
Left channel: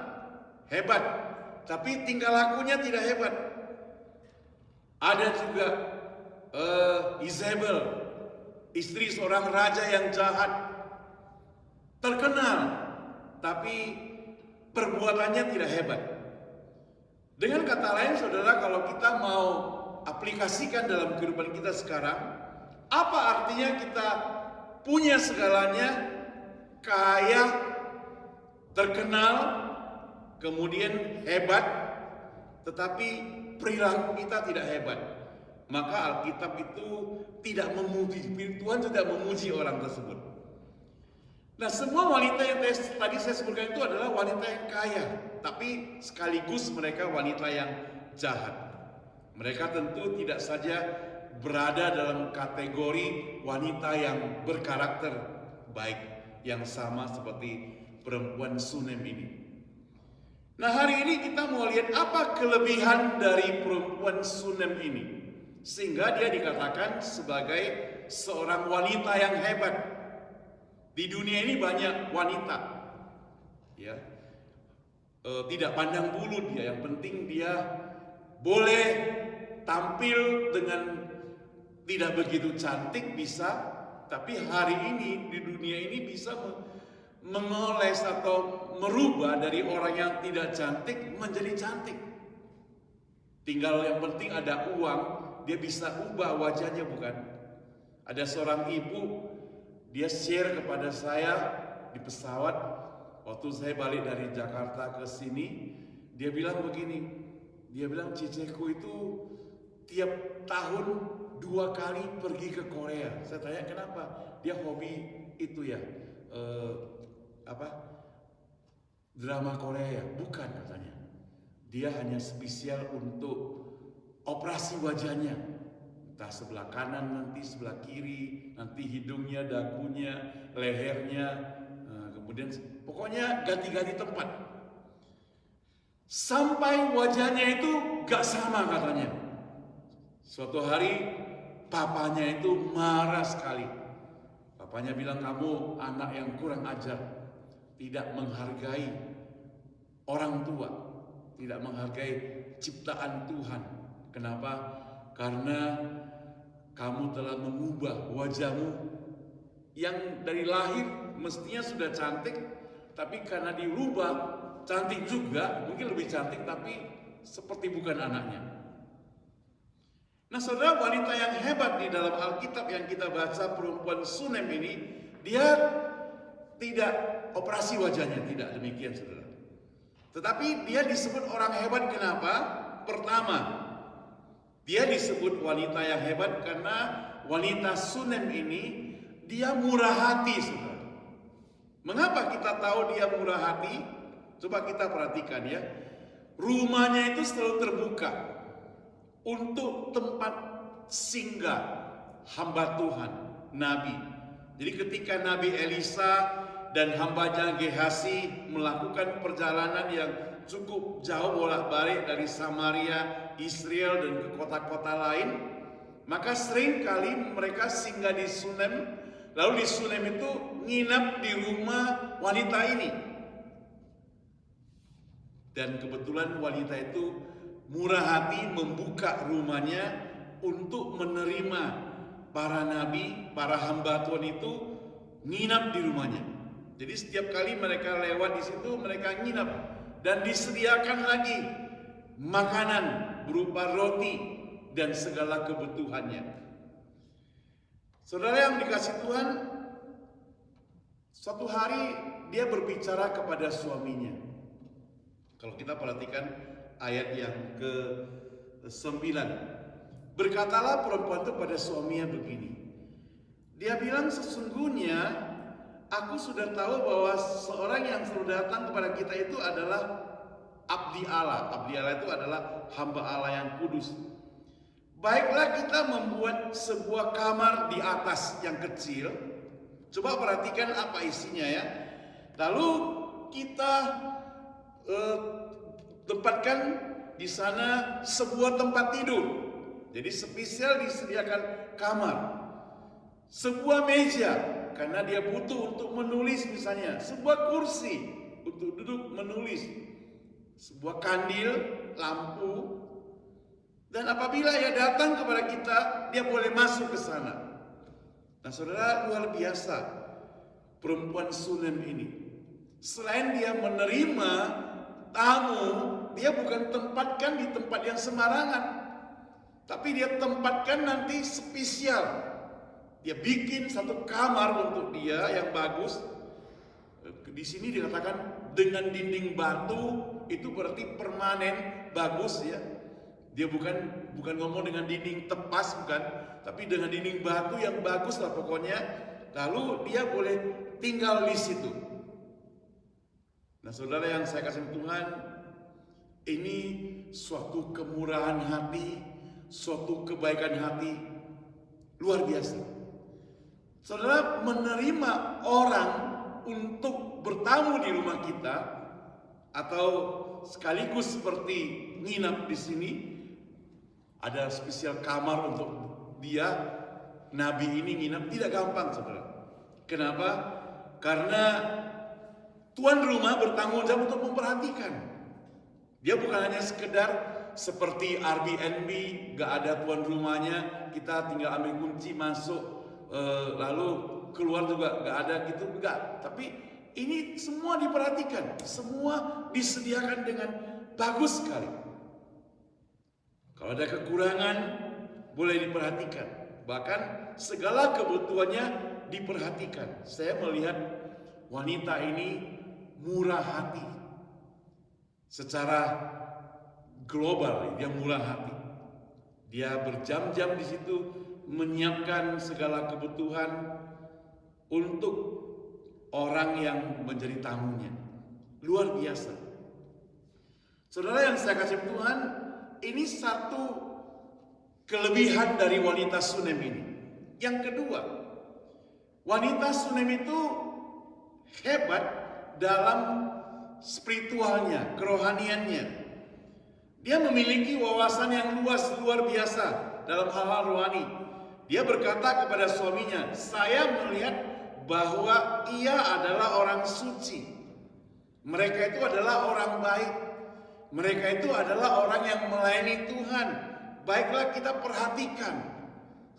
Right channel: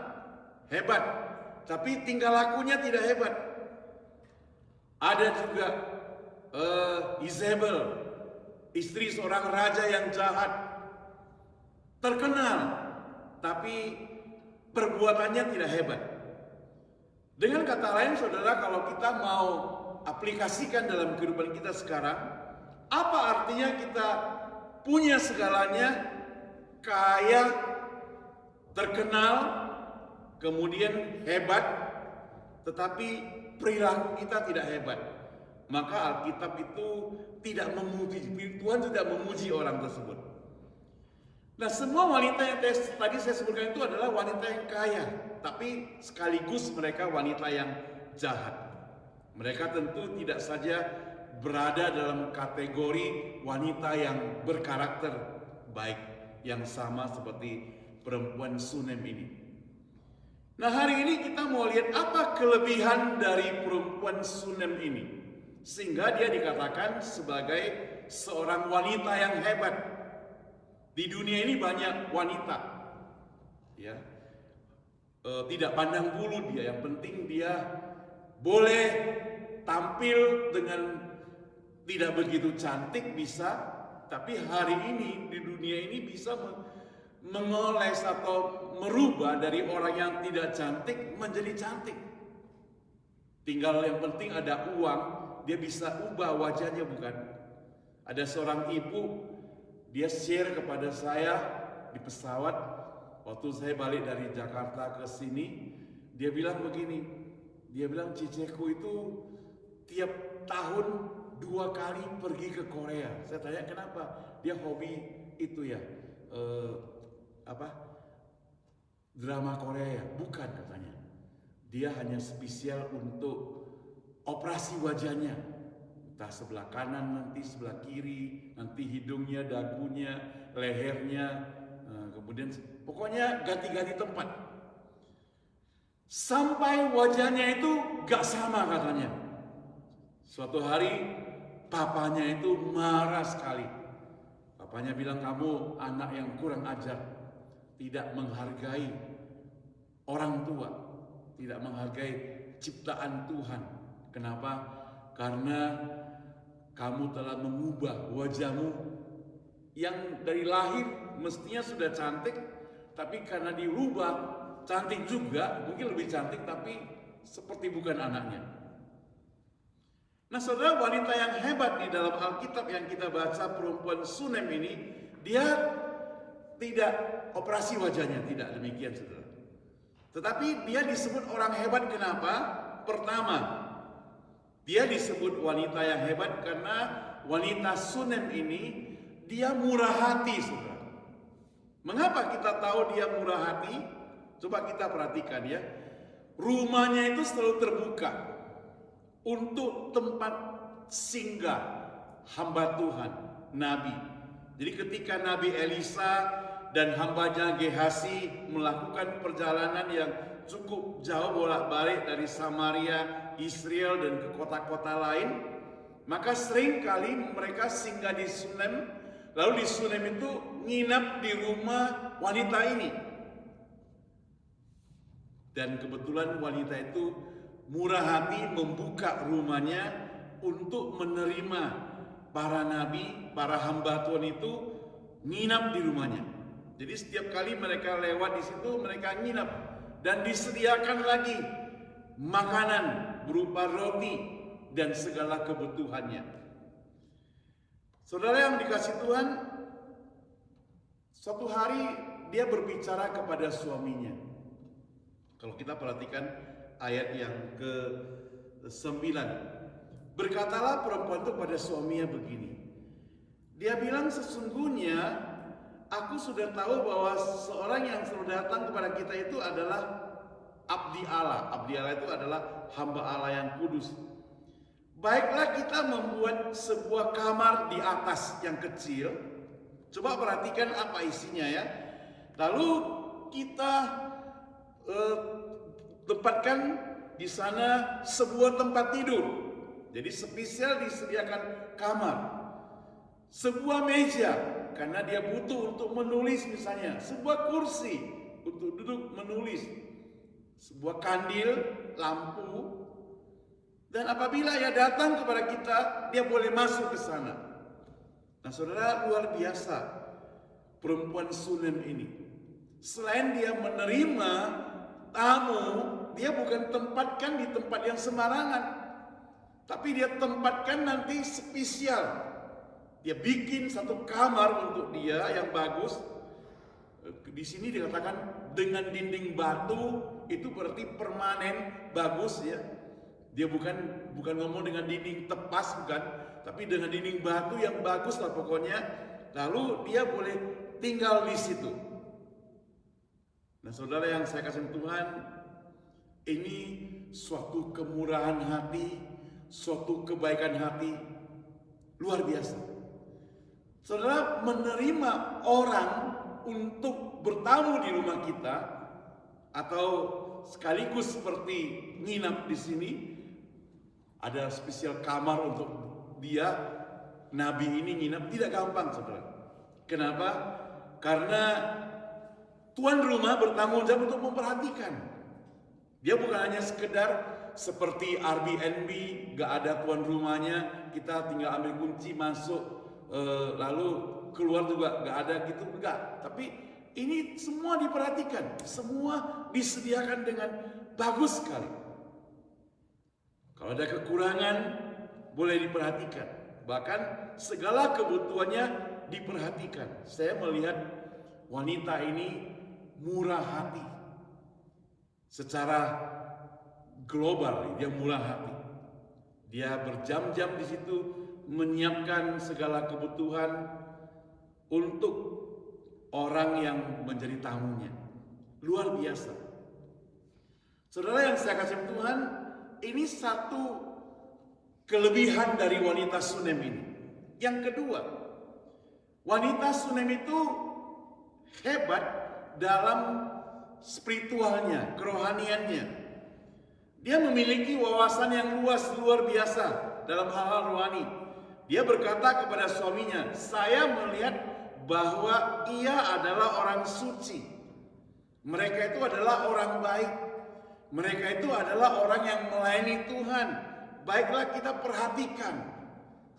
hebat, tapi tingkah lakunya tidak hebat. Ada juga Izebel, istri seorang raja yang jahat, terkenal, tapi perbuatannya tidak hebat. Dengan kata lain, saudara, kalau kita mau aplikasikan dalam kehidupan kita sekarang, apa artinya kita punya segalanya, kaya, terkenal, kemudian hebat, tetapi perilaku kita tidak hebat? Maka Alkitab itu tidak memuji, Tuhan tidak memuji orang tersebut. Nah, semua wanita yang tadi saya sebutkan itu adalah wanita yang kaya, tapi sekaligus mereka wanita yang jahat. Mereka tentu tidak saja berada dalam kategori wanita yang berkarakter baik, yang sama seperti perempuan Sunem ini. Nah, hari ini kita mau lihat apa kelebihan dari perempuan Sunem ini, sehingga dia dikatakan sebagai seorang wanita yang hebat. Di dunia ini banyak wanita, ya, tidak pandang bulu dia. Yang penting dia boleh tampil dengan tidak begitu cantik bisa, tapi hari ini di dunia ini bisa mengoles atau merubah dari orang yang tidak cantik menjadi cantik. Tinggal yang penting ada uang, dia bisa ubah wajahnya, bukan? Ada seorang ibu, dia share kepada saya di pesawat waktu saya balik dari Jakarta ke sini. Dia bilang begini, dia bilang cicekku itu tiap tahun 2 kali pergi ke Korea. Saya tanya kenapa? Dia hobi itu ya, drama Korea. Bukan, katanya. Dia hanya spesial untuk operasi wajahnya. Entah sebelah kanan, nanti sebelah kiri, nanti hidungnya, dagunya, lehernya, kemudian pokoknya ganti-ganti tempat. Sampai wajahnya itu gak sama, katanya. Suatu hari papanya itu marah sekali. Papanya bilang, kamu anak yang kurang ajar, tidak menghargai orang tua, tidak menghargai ciptaan Tuhan. Kenapa? Karena kamu telah mengubah wajahmu yang dari lahir mestinya sudah cantik, tapi karena dirubah cantik juga, mungkin lebih cantik, tapi seperti bukan anaknya. Nah saudara, wanita yang hebat di dalam Alkitab yang kita baca, perempuan Sunem ini, dia tidak operasi wajahnya, tidak demikian saudara. Tetapi dia disebut orang hebat kenapa? Pertama, dia disebut wanita yang hebat karena wanita Sunem ini dia murah hati saudara. Mengapa kita tahu dia murah hati? Coba kita perhatikan ya. Rumahnya itu selalu terbuka untuk tempat singgah hamba Tuhan, Nabi. Jadi ketika Nabi Elisa dan hambanya Gehasi melakukan perjalanan yang cukup jauh bolak-balik dari Samaria, Israel dan ke kota-kota lain, maka sering kali mereka singgah di Sunem. Lalu di Sunem itu nginap di rumah wanita ini. Dan kebetulan wanita itu murah hati membuka rumahnya untuk menerima para nabi, para hamba Tuhan itu nginap di rumahnya. Jadi setiap kali mereka lewat di situ mereka nginap dan disediakan lagi makanan berupa roti dan segala kebutuhannya. Saudara yang dikasih Tuhan, suatu hari dia berbicara kepada suaminya. Kalau kita perhatikan ayat yang ke-9. Berkatalah perempuan itu pada suaminya begini. Dia bilang, sesungguhnya aku sudah tahu bahwa seorang yang selalu datang kepada kita itu adalah abdi Allah. Abdi Allah itu adalah hamba Allah yang kudus. Baiklah kita membuat sebuah kamar di atas yang kecil. Coba perhatikan apa isinya ya. Lalu kita tempatkan di sana sebuah tempat tidur. Jadi spesial disediakan kamar. Sebuah meja karena dia butuh untuk menulis misalnya. Sebuah kursi untuk duduk menulis. Sebuah kandil, lampu. Dan apabila ia datang kepada kita, dia boleh masuk ke sana. Nah saudara, luar biasa perempuan Sunem ini. Selain dia menerima tamu, dia bukan tempatkan di tempat yang sembarangan, tapi dia tempatkan nanti spesial. Dia bikin satu kamar untuk dia yang bagus. Di sini dikatakan dengan dinding batu, itu berarti permanen, bagus ya. Dia bukan ngomong dengan dinding tepas, bukan, tapi dengan dinding batu yang bagus lah pokoknya. Lalu dia boleh tinggal di situ. Nah saudara yang saya kasih Tuhan, ini suatu kemurahan hati, suatu kebaikan hati luar biasa. Saudara menerima orang untuk bertamu di rumah kita atau sekaligus seperti nginap di sini, ada spesial kamar untuk dia. Nabi ini nginap tidak gampang saudara. Kenapa? Karena tuan rumah bertanggung jawab untuk memperhatikan. Dia bukan hanya sekedar seperti Airbnb, gak ada tuan rumahnya, kita tinggal ambil kunci masuk, lalu keluar juga gak ada gitu, enggak. Tapi ini semua diperhatikan, semua disediakan dengan bagus sekali. Kalau ada kekurangan boleh diperhatikan, bahkan segala kebutuhannya diperhatikan. Saya melihat wanita ini murah hati. Secara global dia murah hati. Dia berjam-jam di situ menyiapkan segala kebutuhan untuk orang yang menjadi tamunya. Luar biasa. Saudara yang saya kasih Tuhan, ini satu kelebihan dari wanita Sunem ini. Yang kedua, wanita Sunem itu hebat dalam spiritualnya, kerohaniannya. Dia memiliki wawasan yang luar biasa dalam hal-hal rohani. Dia berkata kepada suaminya, saya melihat bahwa ia adalah orang suci. Mereka itu adalah orang baik. Mereka itu adalah orang yang melayani Tuhan. Baiklah kita perhatikan.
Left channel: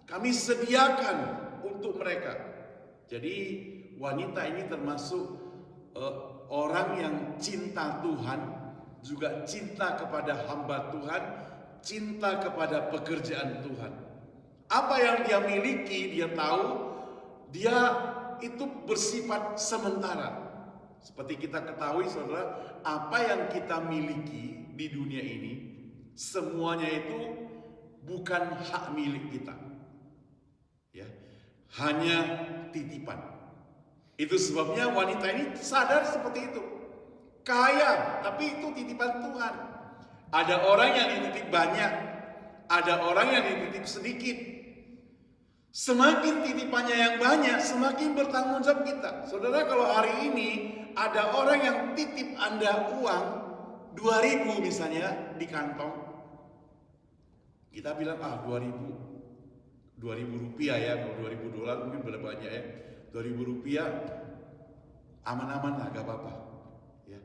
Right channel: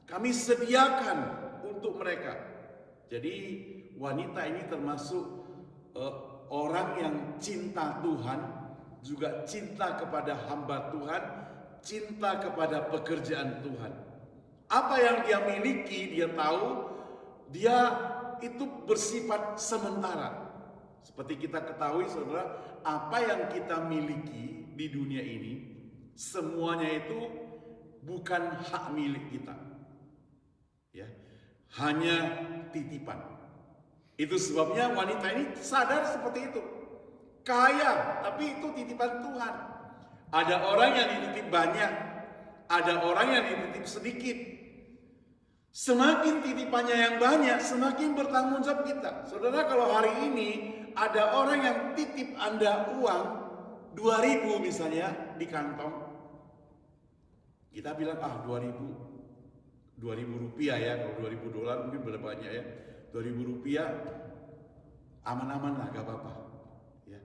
Kami sediakan untuk mereka. Jadi wanita ini termasuk orang yang cinta Tuhan juga cinta kepada hamba Tuhan, cinta kepada pekerjaan Tuhan. Apa yang dia miliki, dia tahu, dia itu bersifat sementara. Seperti kita ketahui saudara, apa yang kita miliki di dunia ini, semuanya itu bukan hak milik kita. Ya, hanya titipan. Itu sebabnya wanita ini sadar seperti itu. Kaya, tapi itu titipan Tuhan. Ada orang yang dititip banyak, ada orang yang dititip sedikit. Semakin titipannya yang banyak, semakin bertanggung jawab kita. Saudara, kalau hari ini ada orang yang titip Anda uang 2.000 misalnya di kantong, kita bilang 2.000 rupiah ya, kalau 2.000 dolar mungkin berapa banyak ya, 2.000 rupiah aman-aman lah, gak apa-apa ya.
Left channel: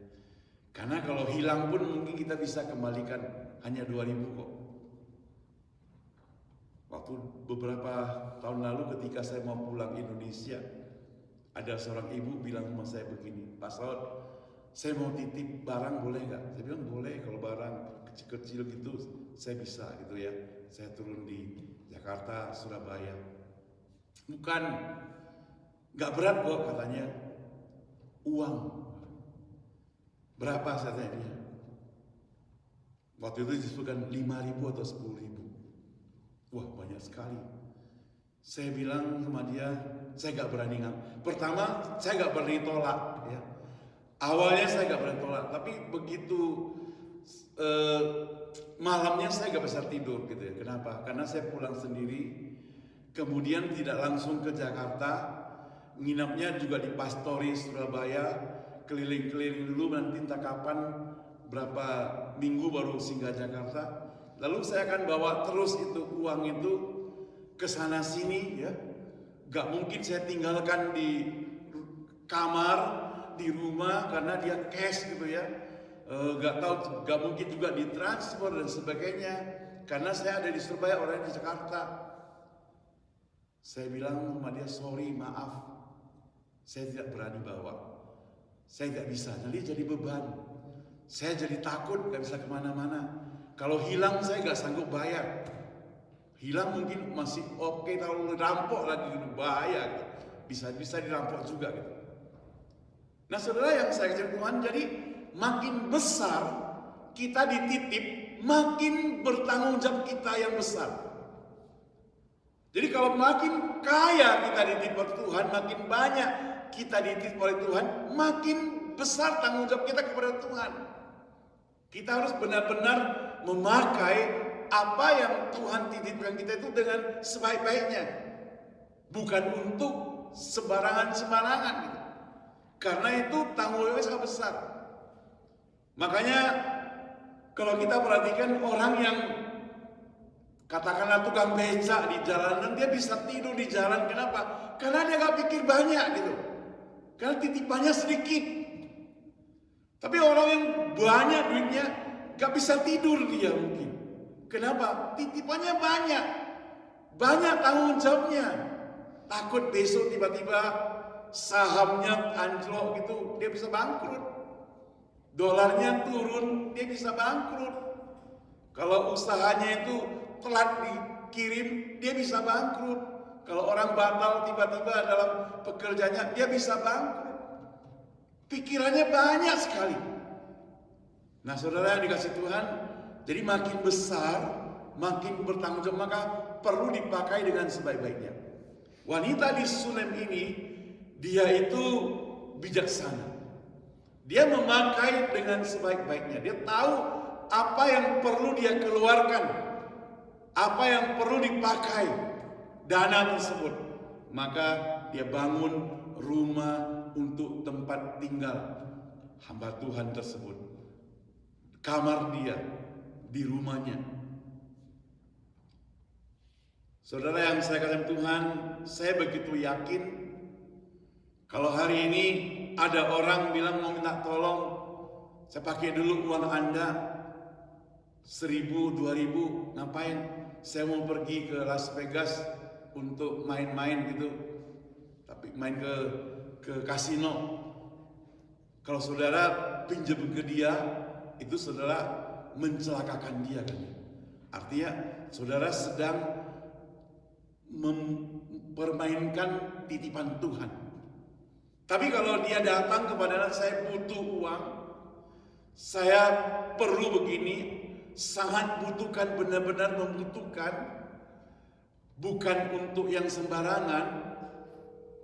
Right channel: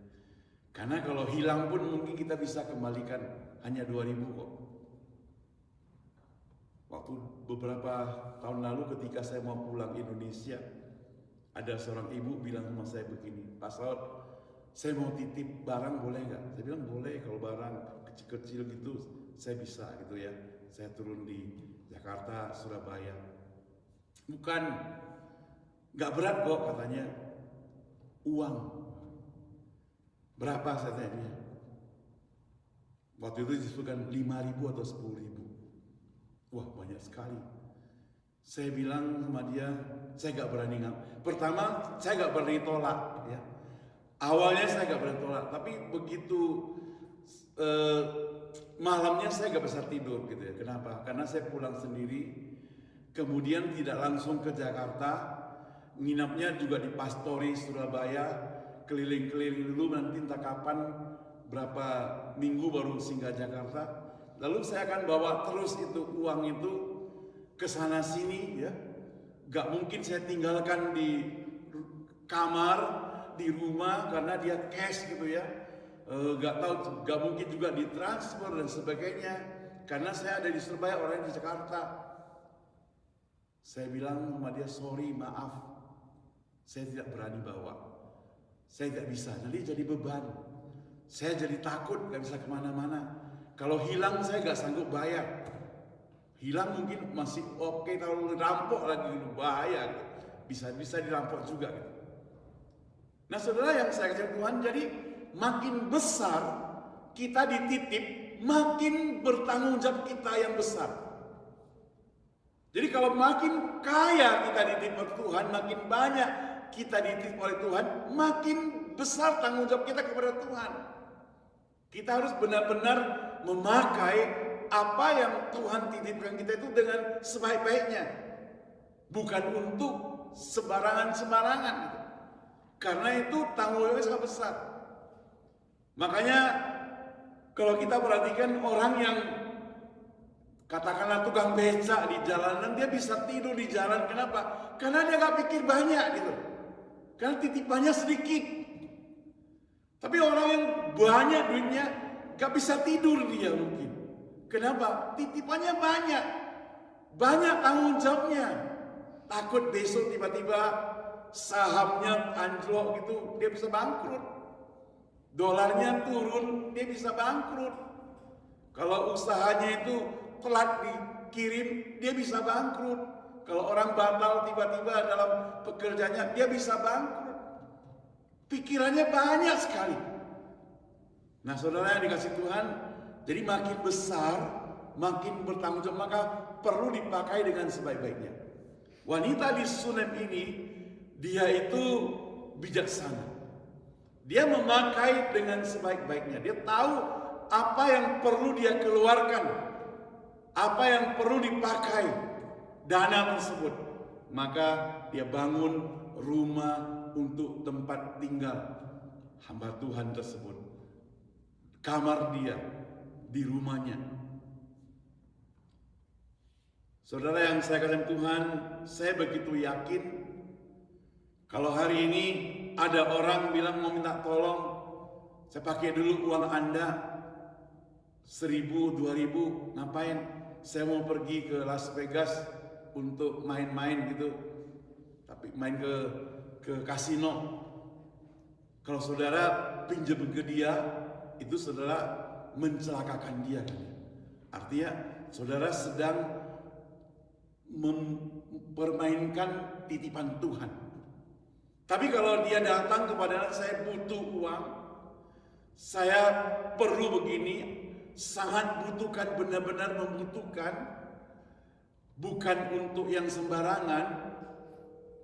Karena kalau hilang pun mungkin kita bisa kembalikan hanya 2.000 kok. Waktu beberapa tahun lalu ketika saya mau pulang Indonesia, ada seorang ibu bilang sama saya begini, Pak Saud, saya mau titip barang boleh nggak? Saya bilang boleh, kalau barang kecil-kecil gitu saya bisa gitu ya. Saya turun di Jakarta, Surabaya. Bukan, nggak berat kok katanya. Uang. Berapa saya tanya? Waktu itu disebutkan 5.000 atau 10.000. Wah, banyak sekali. Saya bilang sama dia, saya gak berani pertama, saya gak berani tolak ya. Awalnya saya gak berani tolak, tapi begitu malamnya saya gak bisa tidur gitu ya. Kenapa? Karena saya pulang sendiri, kemudian tidak langsung ke Jakarta, nginapnya juga di Pastori Surabaya, keliling-keliling dulu, nanti entah kapan berapa minggu baru singgah Jakarta. Lalu saya akan bawa terus itu uang itu ke sana sini ya. Gak mungkin saya tinggalkan di kamar, di rumah karena dia cash gitu ya. Gak mungkin juga ditransfer dan sebagainya. Karena saya ada di Surabaya, orang di Jakarta. Saya bilang sama dia, sorry, maaf, saya tidak berani bawa. Saya tidak bisa, nanti jadi beban. Saya jadi takut, gak bisa kemana-mana. Kalau hilang saya gak sanggup bayar. Hilang mungkin masih oke, kalau dirampok lagi bahaya. Bisa dirampok juga. Nah saudara yang saya kasih Tuhan, jadi makin besar kita dititip, makin bertanggung jawab kita yang besar. Jadi kalau makin kaya kita dititip oleh Tuhan, makin banyak kita dititip oleh Tuhan, makin besar tanggung jawab kita kepada Tuhan. Kita harus benar-benar memakai apa yang Tuhan titipkan kita itu dengan sebaik-baiknya. Bukan untuk sembarangan-sembarangan gitu. Karena itu tanggung jawabnya sangat besar. Makanya kalau kita perhatikan orang yang katakanlah tukang becak di jalanan, dia bisa tidur di jalan. Kenapa? Karena dia gak pikir banyak gitu. Karena titipannya sedikit. Tapi orang yang banyak duitnya gak bisa tidur dia mungkin. Kenapa? Titipannya banyak. Banyak tanggung jawabnya. Takut besok tiba-tiba sahamnya anjlok gitu, dia bisa bangkrut. Dolarnya turun, dia bisa bangkrut. Kalau usahanya itu telat dikirim, dia bisa bangkrut. Kalau orang batal tiba-tiba dalam pekerjaannya, dia bisa bangkrut. Pikirannya banyak sekali. Nah saudara yang dikasih Tuhan, jadi makin besar, makin bertanggung jawab, maka perlu dipakai dengan sebaik-baiknya. Wanita di Sunem ini, dia itu bijaksana. Dia memakai dengan sebaik-baiknya. Dia tahu apa yang perlu dia keluarkan, apa yang perlu dipakai dana tersebut. Maka dia bangun rumah untuk tempat tinggal hamba Tuhan tersebut. Kamar dia di rumahnya. Saudara yang saya katakan Tuhan, saya begitu yakin kalau hari ini ada orang bilang mau minta tolong, saya pakai dulu uang Anda 1.000, 2.000, ngapain? Saya mau pergi ke Las Vegas untuk main-main gitu, tapi main ke kasino. Kalau saudara pinjam ke dia, itu saudara mencelakakan dia kan. Artinya saudara sedang mempermainkan titipan Tuhan. Tapi kalau dia datang kepada saya butuh uang, saya perlu begini, sangat butuhkan, benar-benar membutuhkan, bukan untuk yang sembarangan,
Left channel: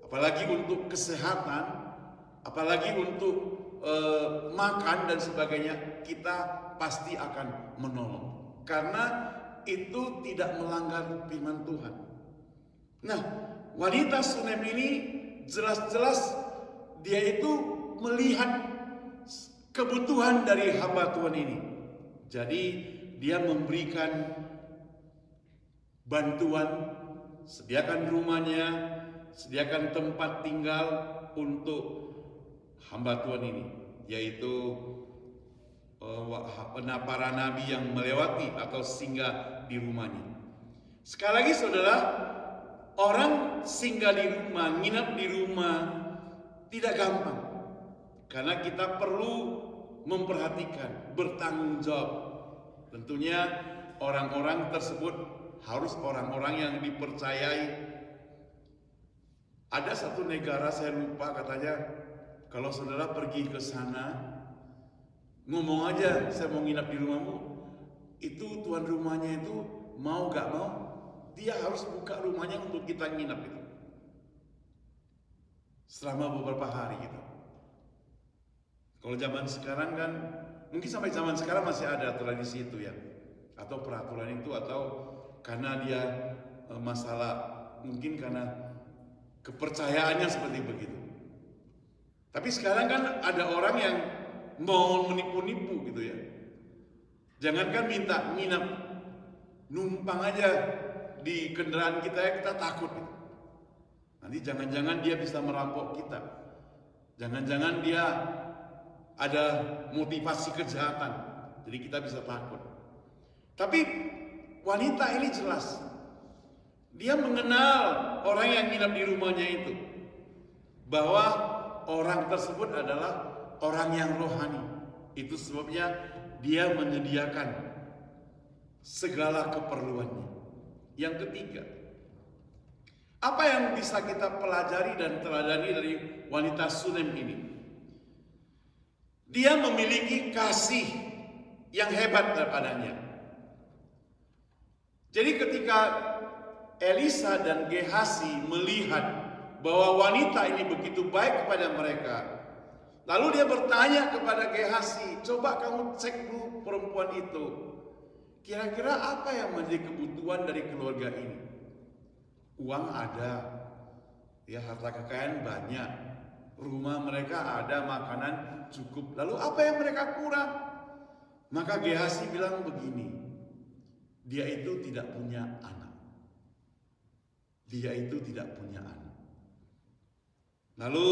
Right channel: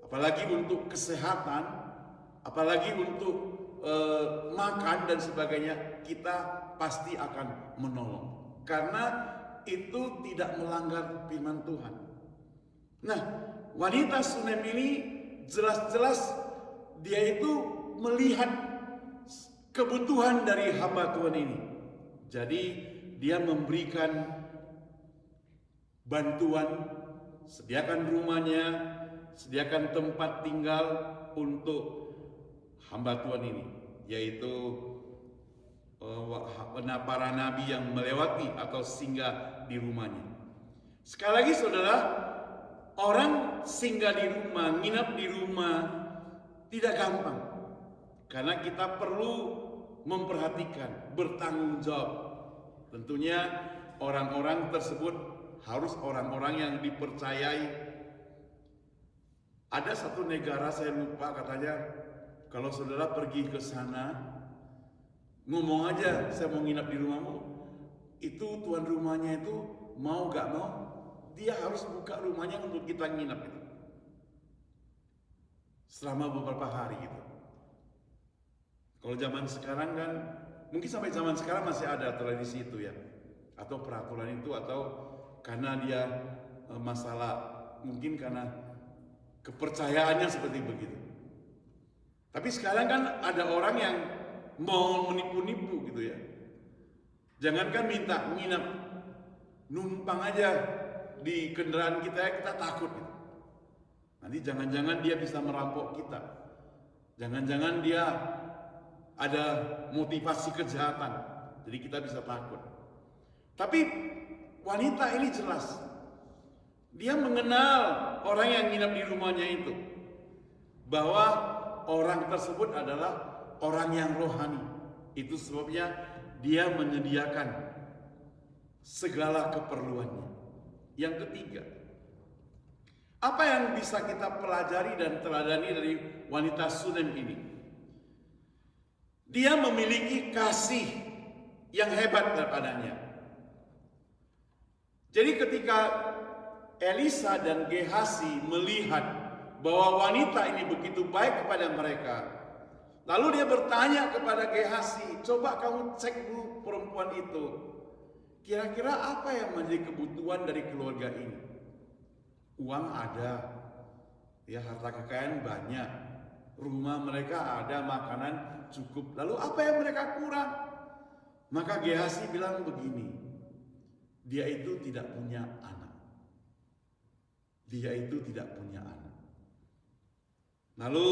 apalagi untuk kesehatan, apalagi untuk makan dan sebagainya, kita pasti akan menolong. Karena itu tidak melanggar firman Tuhan. Nah, wanita Sunem ini jelas-jelas dia itu melihat kebutuhan dari hamba Tuhan ini. Jadi dia memberikan bantuan, sediakan rumahnya, sediakan tempat tinggal untuk hamba Tuhan ini, yaitu para nabi yang melewati atau singgah di rumahnya. Sekali lagi saudara, orang singgah di rumah, nginap di rumah tidak gampang. Karena kita perlu memperhatikan, bertanggung jawab. Tentunya orang-orang tersebut harus orang-orang yang dipercayai. Ada satu negara, saya lupa, katanya kalau saudara pergi ke sana, ngomong aja saya mau nginap di rumahmu, itu tuan rumahnya itu mau gak mau, dia harus buka rumahnya untuk kita nginap itu selama beberapa hari gitu. Kalau zaman sekarang kan, mungkin sampai zaman sekarang masih ada tradisi itu ya, atau peraturan itu, atau karena dia masalah, mungkin karena kepercayaannya seperti begitu. Tapi sekarang kan ada orang yang mau menipu-nipu gitu ya. Jangankan minta nginap, numpang aja di kendaraan kita takut. Nanti jangan-jangan dia bisa merampok kita. Jangan-jangan dia ada motivasi kejahatan. Jadi kita bisa takut. Tapi wanita ini jelas. Dia mengenal orang yang nginap di rumahnya itu. Bahwa orang tersebut adalah orang yang rohani. Itu sebabnya dia menyediakan segala keperluannya. Yang ketiga, apa yang bisa kita pelajari dan teladani dari wanita Sunem ini? Dia memiliki kasih yang hebat kepadanya. Jadi ketika Elisa dan Gehasi melihat bahwa wanita ini begitu baik kepada mereka, lalu dia bertanya kepada Gehasi, coba kamu cek dulu perempuan itu, kira-kira apa yang menjadi kebutuhan dari keluarga ini? Uang ada, ya harta kekayaan banyak, rumah mereka ada, makanan cukup. Lalu apa yang mereka kurang? Maka Gehasi bilang begini, dia itu tidak punya anak. Dia itu tidak punya anak. Lalu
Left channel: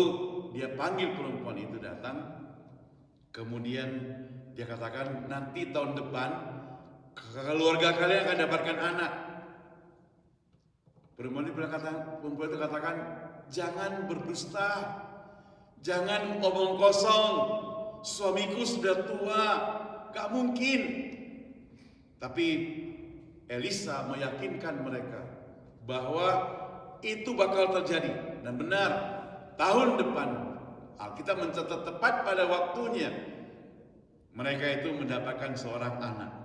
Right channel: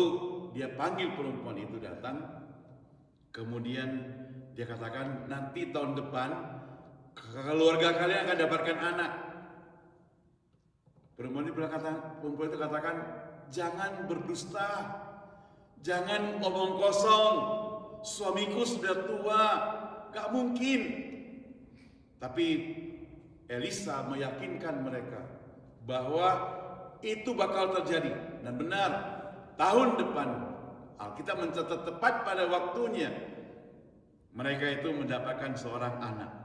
dia panggil perempuan itu datang. Kemudian dia katakan, nanti tahun depan keluarga kalian akan dapatkan anak. Perempuan itu katakan, jangan berdusta, jangan omong kosong. Suamiku sudah tua, gak mungkin. Tapi Elisa meyakinkan mereka bahwa itu bakal terjadi. Dan benar, tahun depan Alkitab mencatat tepat pada waktunya mereka itu mendapatkan seorang anak.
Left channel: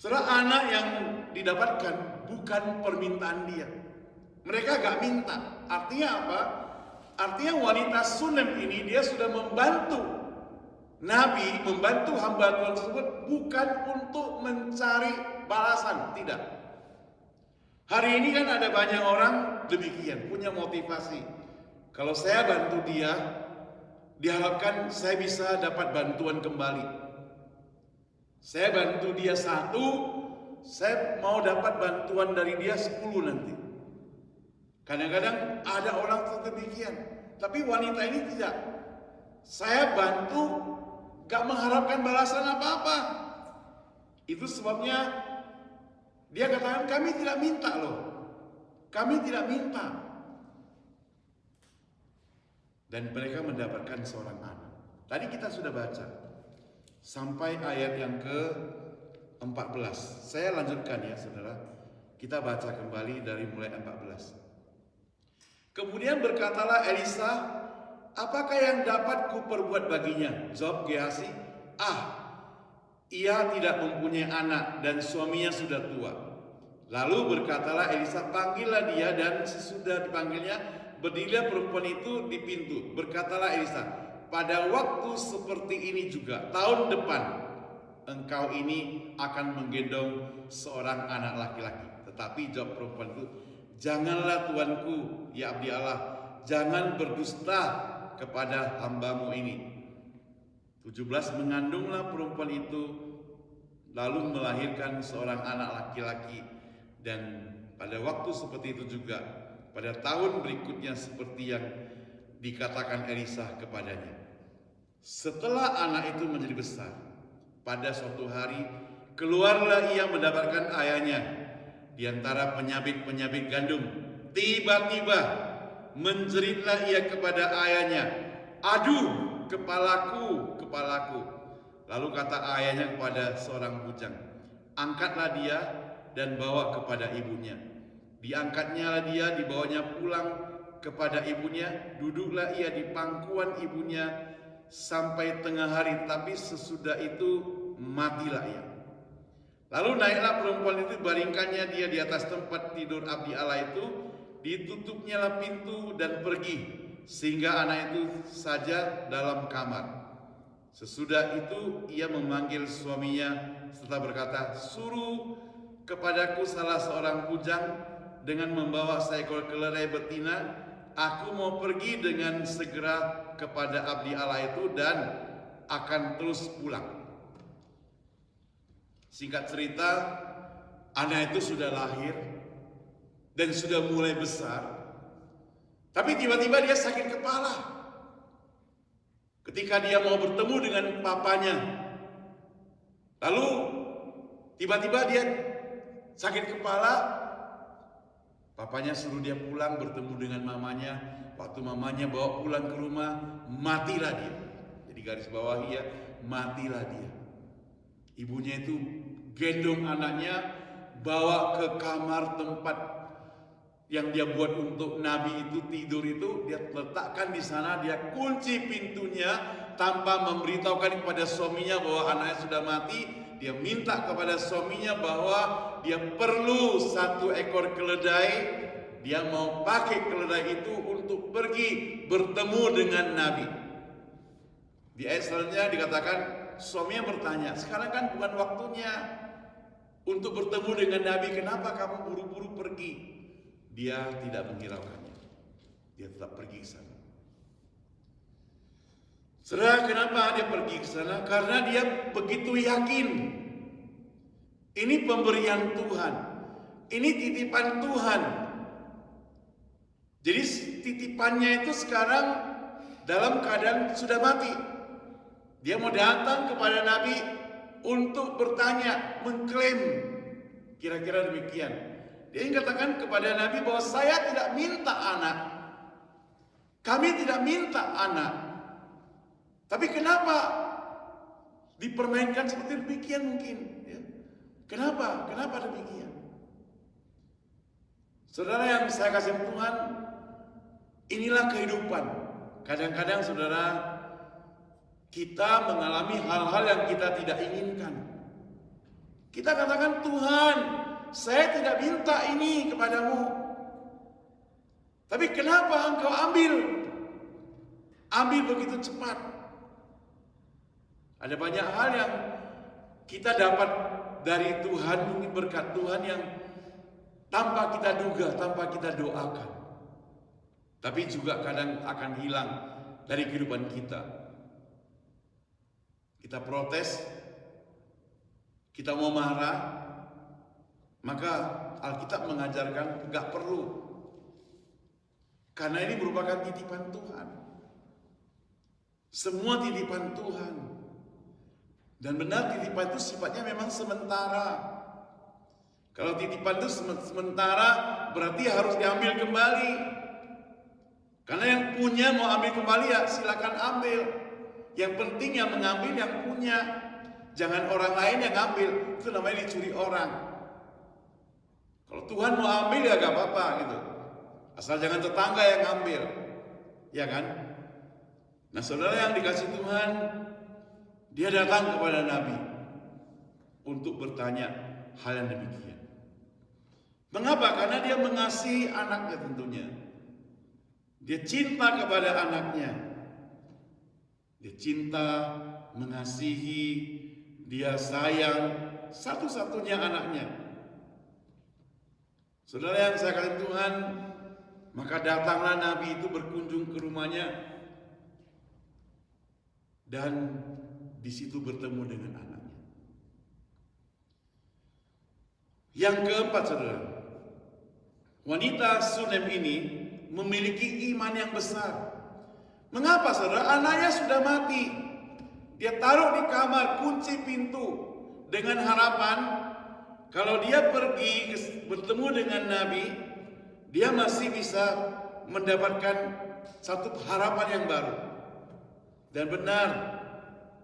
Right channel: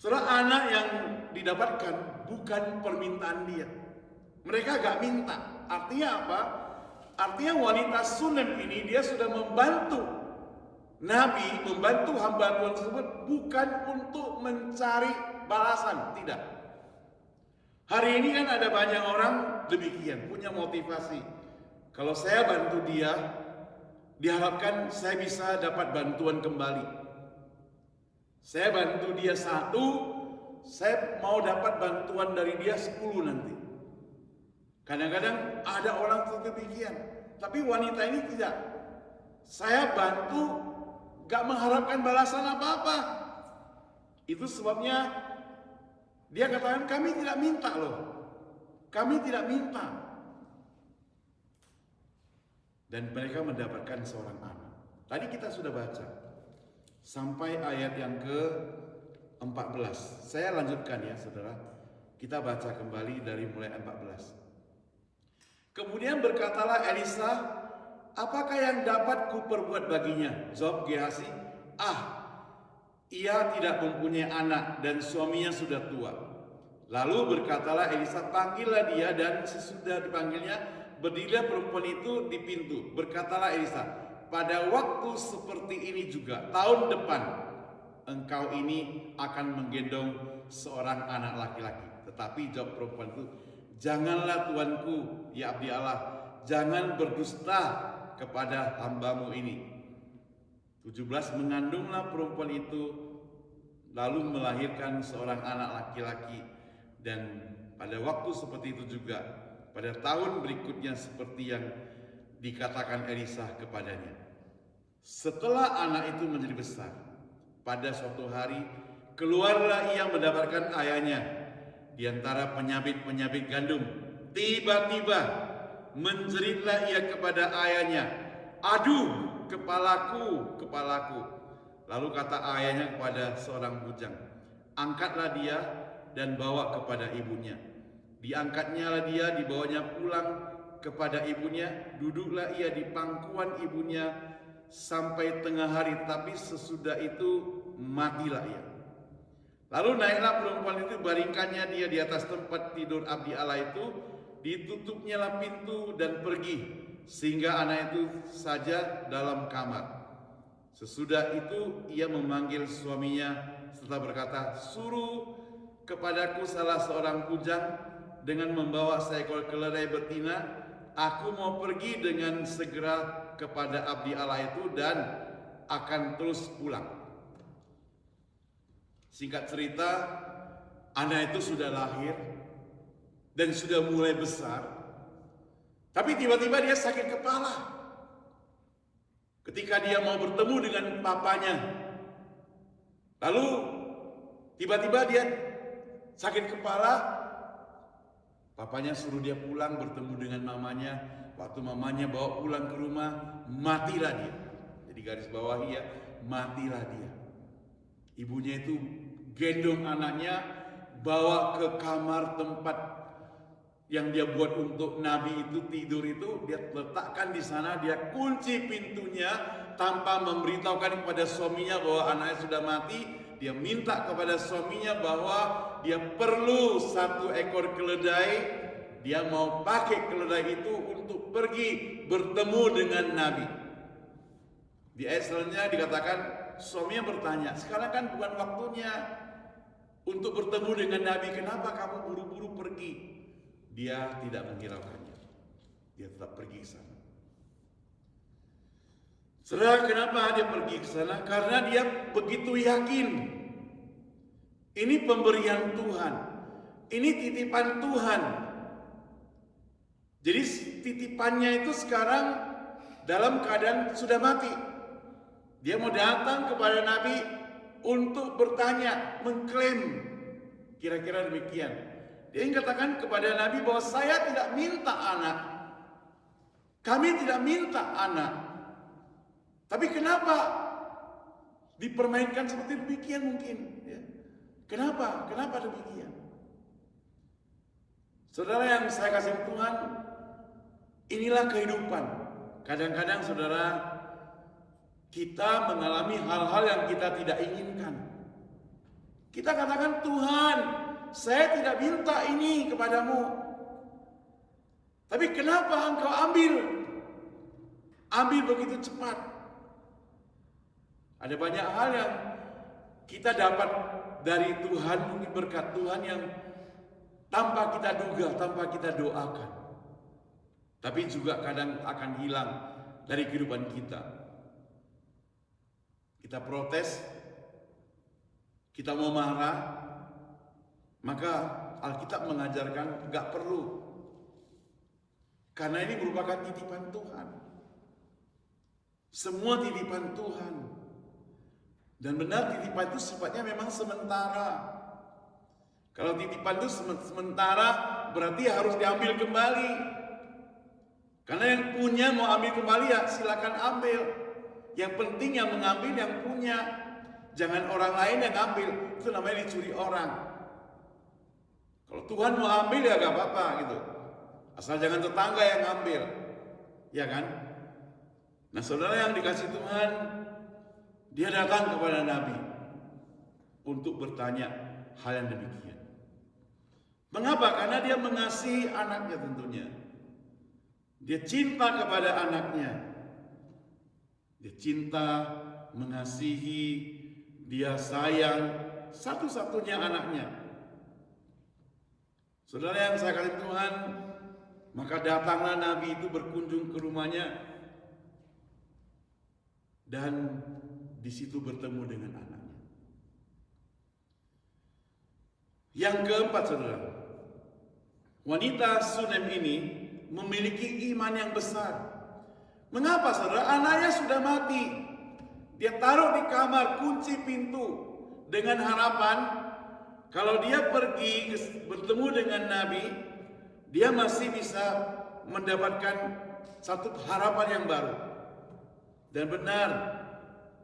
Seorang anak yang didapatkan bukan permintaan dia. Mereka gak minta. Artinya apa? Artinya wanita Sunem ini dia sudah membantu Nabi, membantu hamba Tuhan tersebut bukan untuk mencari balasan. Tidak. Hari ini kan ada banyak orang demikian, punya motivasi. Kalau saya bantu dia, diharapkan saya bisa dapat bantuan kembali. Saya bantu dia 1, saya mau dapat bantuan dari dia 10 nanti. Kadang-kadang ada orang demikian. Tapi wanita ini tidak. Saya bantu, gak mengharapkan balasan apa-apa. Itu sebabnya dia katakan, kami tidak minta loh. Kami tidak minta. Dan mereka mendapatkan seorang anak. Tadi kita sudah baca sampai ayat yang ke-14. Saya lanjutkan ya saudara. Kita baca kembali dari mulai 14. Kemudian berkatalah Elisa, apakah yang dapat kuperbuat baginya? Jawab Gehazi, ia tidak mempunyai anak dan suaminya sudah tua. Lalu berkatalah Elisa, panggillah dia, dan sesudah dipanggilnya, berdirilah perempuan itu di pintu. Berkatalah Elisa, pada waktu seperti ini juga, tahun depan, engkau ini akan menggendong seorang anak laki-laki. Tetapi jawab perempuan itu, janganlah tuanku, ya abdi Allah, jangan berdusta kepada hambamu ini. 17, mengandunglah perempuan itu, lalu melahirkan seorang anak laki-laki. Dan pada waktu seperti itu juga, pada tahun berikutnya seperti yang dikatakan Elisa kepadanya. Setelah anak itu menjadi besar, pada suatu hari keluarlah ia mendapatkan ayahnya di antara penyabit-penyabit gandum. Tiba-tiba menjeritlah ia kepada ayahnya, aduh kepalaku, kepalaku. Lalu kata ayahnya kepada seorang bujang, angkatlah dia dan bawa kepada ibunya. Diangkatnya dia, dibawanya pulang kepada ibunya. Duduklah ia di pangkuan ibunya sampai tengah hari, tapi sesudah itu matilah ia. Lalu naiklah perempuan itu, baringkannya dia di atas tempat tidur abdi Allah itu, ditutupnyalah pintu dan pergi, sehingga anak itu saja dalam kamar. Sesudah itu ia memanggil suaminya serta berkata, suruh kepadaku salah seorang bujang dengan membawa seekor keledai betina. Aku mau pergi dengan segera kepada abdi Allah itu dan akan terus pulang. Singkat cerita, anak itu sudah lahir dan sudah mulai besar. Tapi tiba-tiba dia sakit kepala. Ketika dia mau bertemu dengan papanya, lalu tiba-tiba dia sakit kepala. Papanya suruh dia pulang bertemu dengan mamanya. Waktu mamanya bawa pulang ke rumah, matilah dia. Jadi garis bawahi ya, matilah dia. Ibunya itu gendong anaknya, bawa ke kamar tempat yang dia buat untuk Nabi itu tidur itu, dia letakkan di sana, dia kunci pintunya tanpa memberitahukan kepada suaminya bahwa anaknya sudah mati. Dia minta kepada suaminya bahwa dia perlu satu ekor keledai. Dia mau pakai keledai itu untuk pergi bertemu dengan Nabi. Di ayat selanjutnya dikatakan, suaminya bertanya, sekarang kan bukan waktunya untuk bertemu dengan Nabi, kenapa kamu buru-buru pergi? Dia tidak menghiraukannya. Dia tetap pergi ke sana. Saudara, kenapa dia pergi ke sana? Karena dia begitu yakin. Ini pemberian Tuhan. Ini titipan Tuhan. Jadi titipannya itu sekarang dalam keadaan sudah mati. Dia mau datang kepada Nabi untuk bertanya, mengklaim. Kira-kira demikian. Dia ingin katakan kepada Nabi bahwa saya tidak minta anak. Kami tidak minta anak. Tapi kenapa dipermainkan seperti demikian mungkin? Ya. Kenapa? Kenapa demikian? Saudara yang saya kasih Tuhan, inilah kehidupan. Kadang-kadang saudara, kita mengalami hal-hal yang kita tidak inginkan. Kita katakan, Tuhan, saya tidak minta ini kepadamu. Tapi kenapa engkau ambil? Ambil begitu cepat. Ada banyak hal yang kita dapat dari Tuhan, mungkin berkat Tuhan yang tanpa kita duga, tanpa kita doakan. Tapi juga kadang akan hilang dari kehidupan kita. Kita protes, kita mau marah, maka Alkitab mengajarkan gak perlu. Karena ini merupakan titipan Tuhan. Semua titipan Tuhan. Dan benar titipan itu sifatnya memang sementara. Kalau titipan itu sementara, berarti harus diambil kembali. Karena yang punya mau ambil kembali ya silakan ambil. Yang penting yang mengambil yang punya. Jangan orang lain yang ambil. Itu namanya dicuri orang. Kalau Tuhan mau ambil ya gak apa-apa gitu. Asal jangan tetangga yang ambil. Ya kan? Nah saudara yang dikasih Tuhan, dia datang kepada Nabi untuk bertanya hal yang demikian. Mengapa? Karena dia mengasihi anaknya tentunya. Dia cinta kepada anaknya. Dia cinta, mengasihi, dia sayang satu-satunya anaknya. Saudara yang saya kasih Tuhan, maka datanglah Nabi itu berkunjung ke rumahnya dan di situ bertemu dengan anaknya. Yang keempat, saudara, wanita Sunem ini memiliki iman yang besar. Mengapa, saudara? Anaknya sudah mati. Dia taruh di kamar, kunci pintu dengan harapan kalau dia pergi bertemu dengan Nabi, dia masih bisa mendapatkan satu harapan yang baru. Dan benar,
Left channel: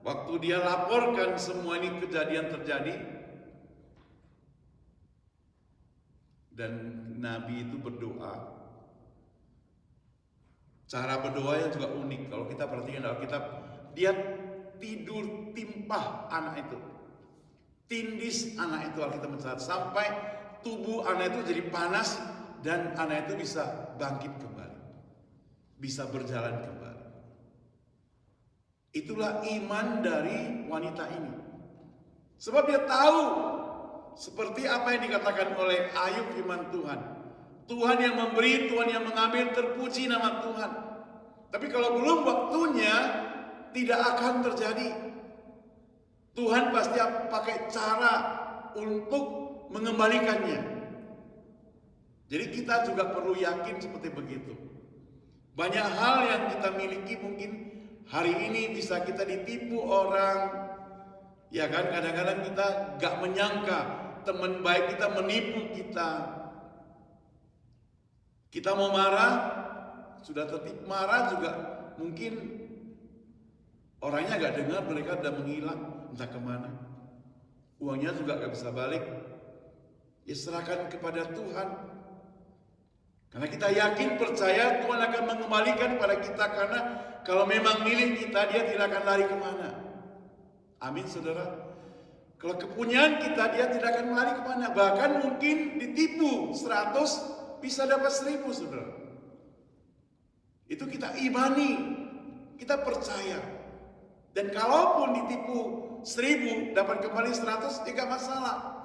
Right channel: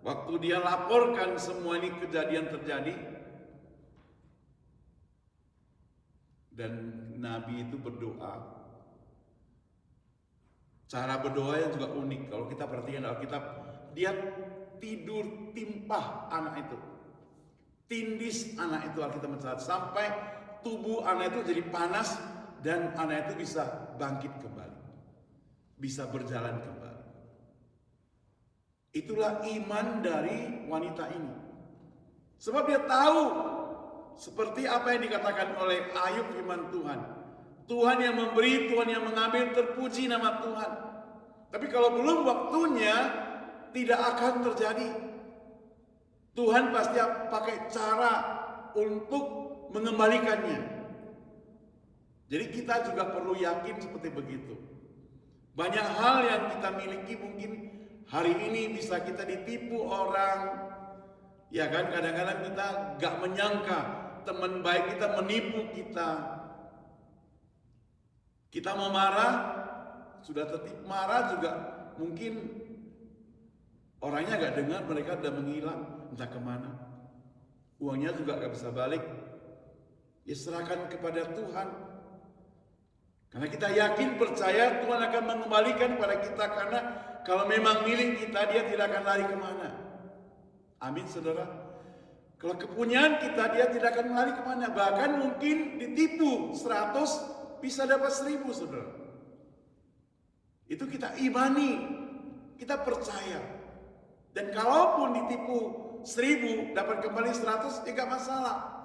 waktu dia laporkan semua ini kejadian terjadi, dan Nabi itu berdoa. Cara berdoa yang juga unik. Kalau kita perhatikan dalam Alkitab, dia tidur timpah anak itu, tindis anak itu, Alkitab mencatat sampai tubuh anak itu jadi panas dan anak itu bisa bangkit kembali, bisa berjalan kembali. Itulah iman dari wanita ini. Sebab dia tahu seperti apa yang dikatakan oleh Ayub firman Tuhan. Tuhan yang memberi, Tuhan yang mengambil, terpuji nama Tuhan. Tapi kalau belum waktunya, tidak akan terjadi. Tuhan pasti pakai cara untuk mengembalikannya. Jadi kita juga perlu yakin seperti begitu. Banyak hal yang kita miliki mungkin hari ini bisa kita ditipu orang. Ya kan, kadang-kadang kita gak menyangka teman baik kita menipu kita. Kita mau marah, sudah tertib marah juga mungkin orangnya gak dengar, mereka sudah menghilang entah kemana. Uangnya juga gak bisa balik. Ya serahkan kepada Tuhan. Karena kita yakin percaya Tuhan akan mengembalikan kepada kita. Karena kalau memang milik kita, dia tidak akan lari kemana. Amin saudara. Kalau kepunyaan kita, dia tidak akan lari kemana. Bahkan mungkin ditipu 100 bisa dapat 1000 saudara. Itu kita imani, kita percaya. Dan kalaupun ditipu 1000 dapat kembali 100, tidak masalah.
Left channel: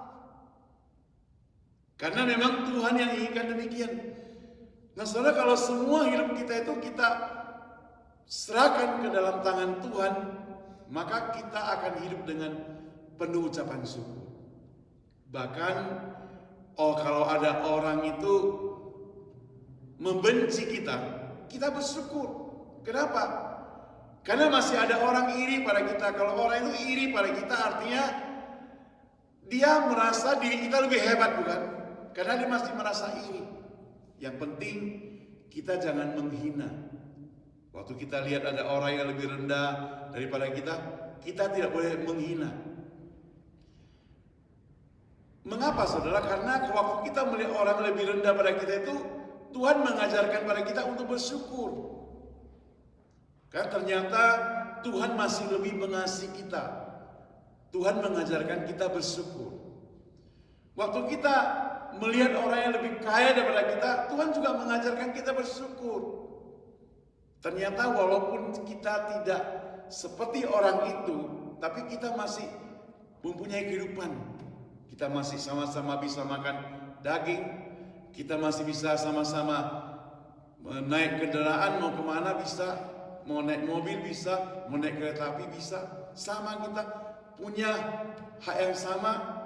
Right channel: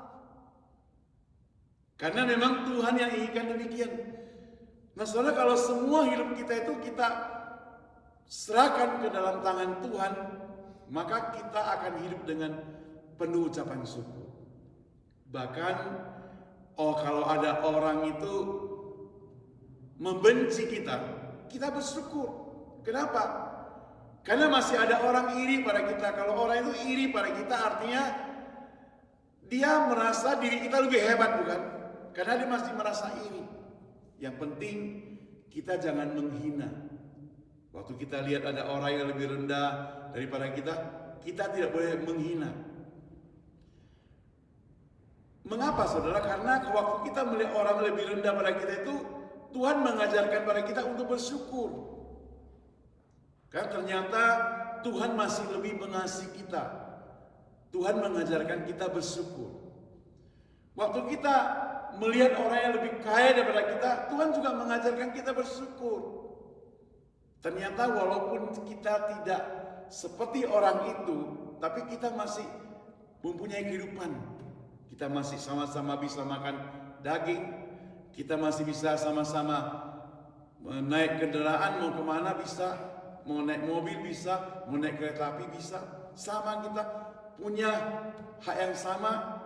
Karena memang Tuhan yang inginkan demikian. Nah saudara, kalau semua hidup kita itu kita serahkan ke dalam tangan Tuhan, maka kita akan hidup dengan penuh ucapan syukur. Bahkan kalau ada orang itu membenci kita, kita bersyukur. Kenapa? Karena masih ada orang iri pada kita. Kalau orang itu iri pada kita, artinya dia merasa diri kita lebih hebat, bukan? Karena dia masih merasa iri. Yang penting kita jangan menghina. Waktu kita lihat ada orang yang lebih rendah daripada kita, kita tidak boleh menghina. Mengapa saudara? Karena waktu kita melihat orang lebih rendah pada kita itu, Tuhan mengajarkan pada kita untuk bersyukur. Karena ternyata Tuhan masih lebih mengasihi kita. Tuhan mengajarkan kita bersyukur. Waktu kita melihat orang yang lebih kaya daripada kita, Tuhan juga mengajarkan kita bersyukur. Ternyata walaupun kita tidak seperti orang itu, tapi kita masih mempunyai kehidupan. Kita masih sama-sama bisa makan daging. Kita masih bisa sama-sama naik kendaraan, mau kemana bisa. Mau naik mobil bisa, mau naik kereta api bisa. Sama, kita punya hak yang sama.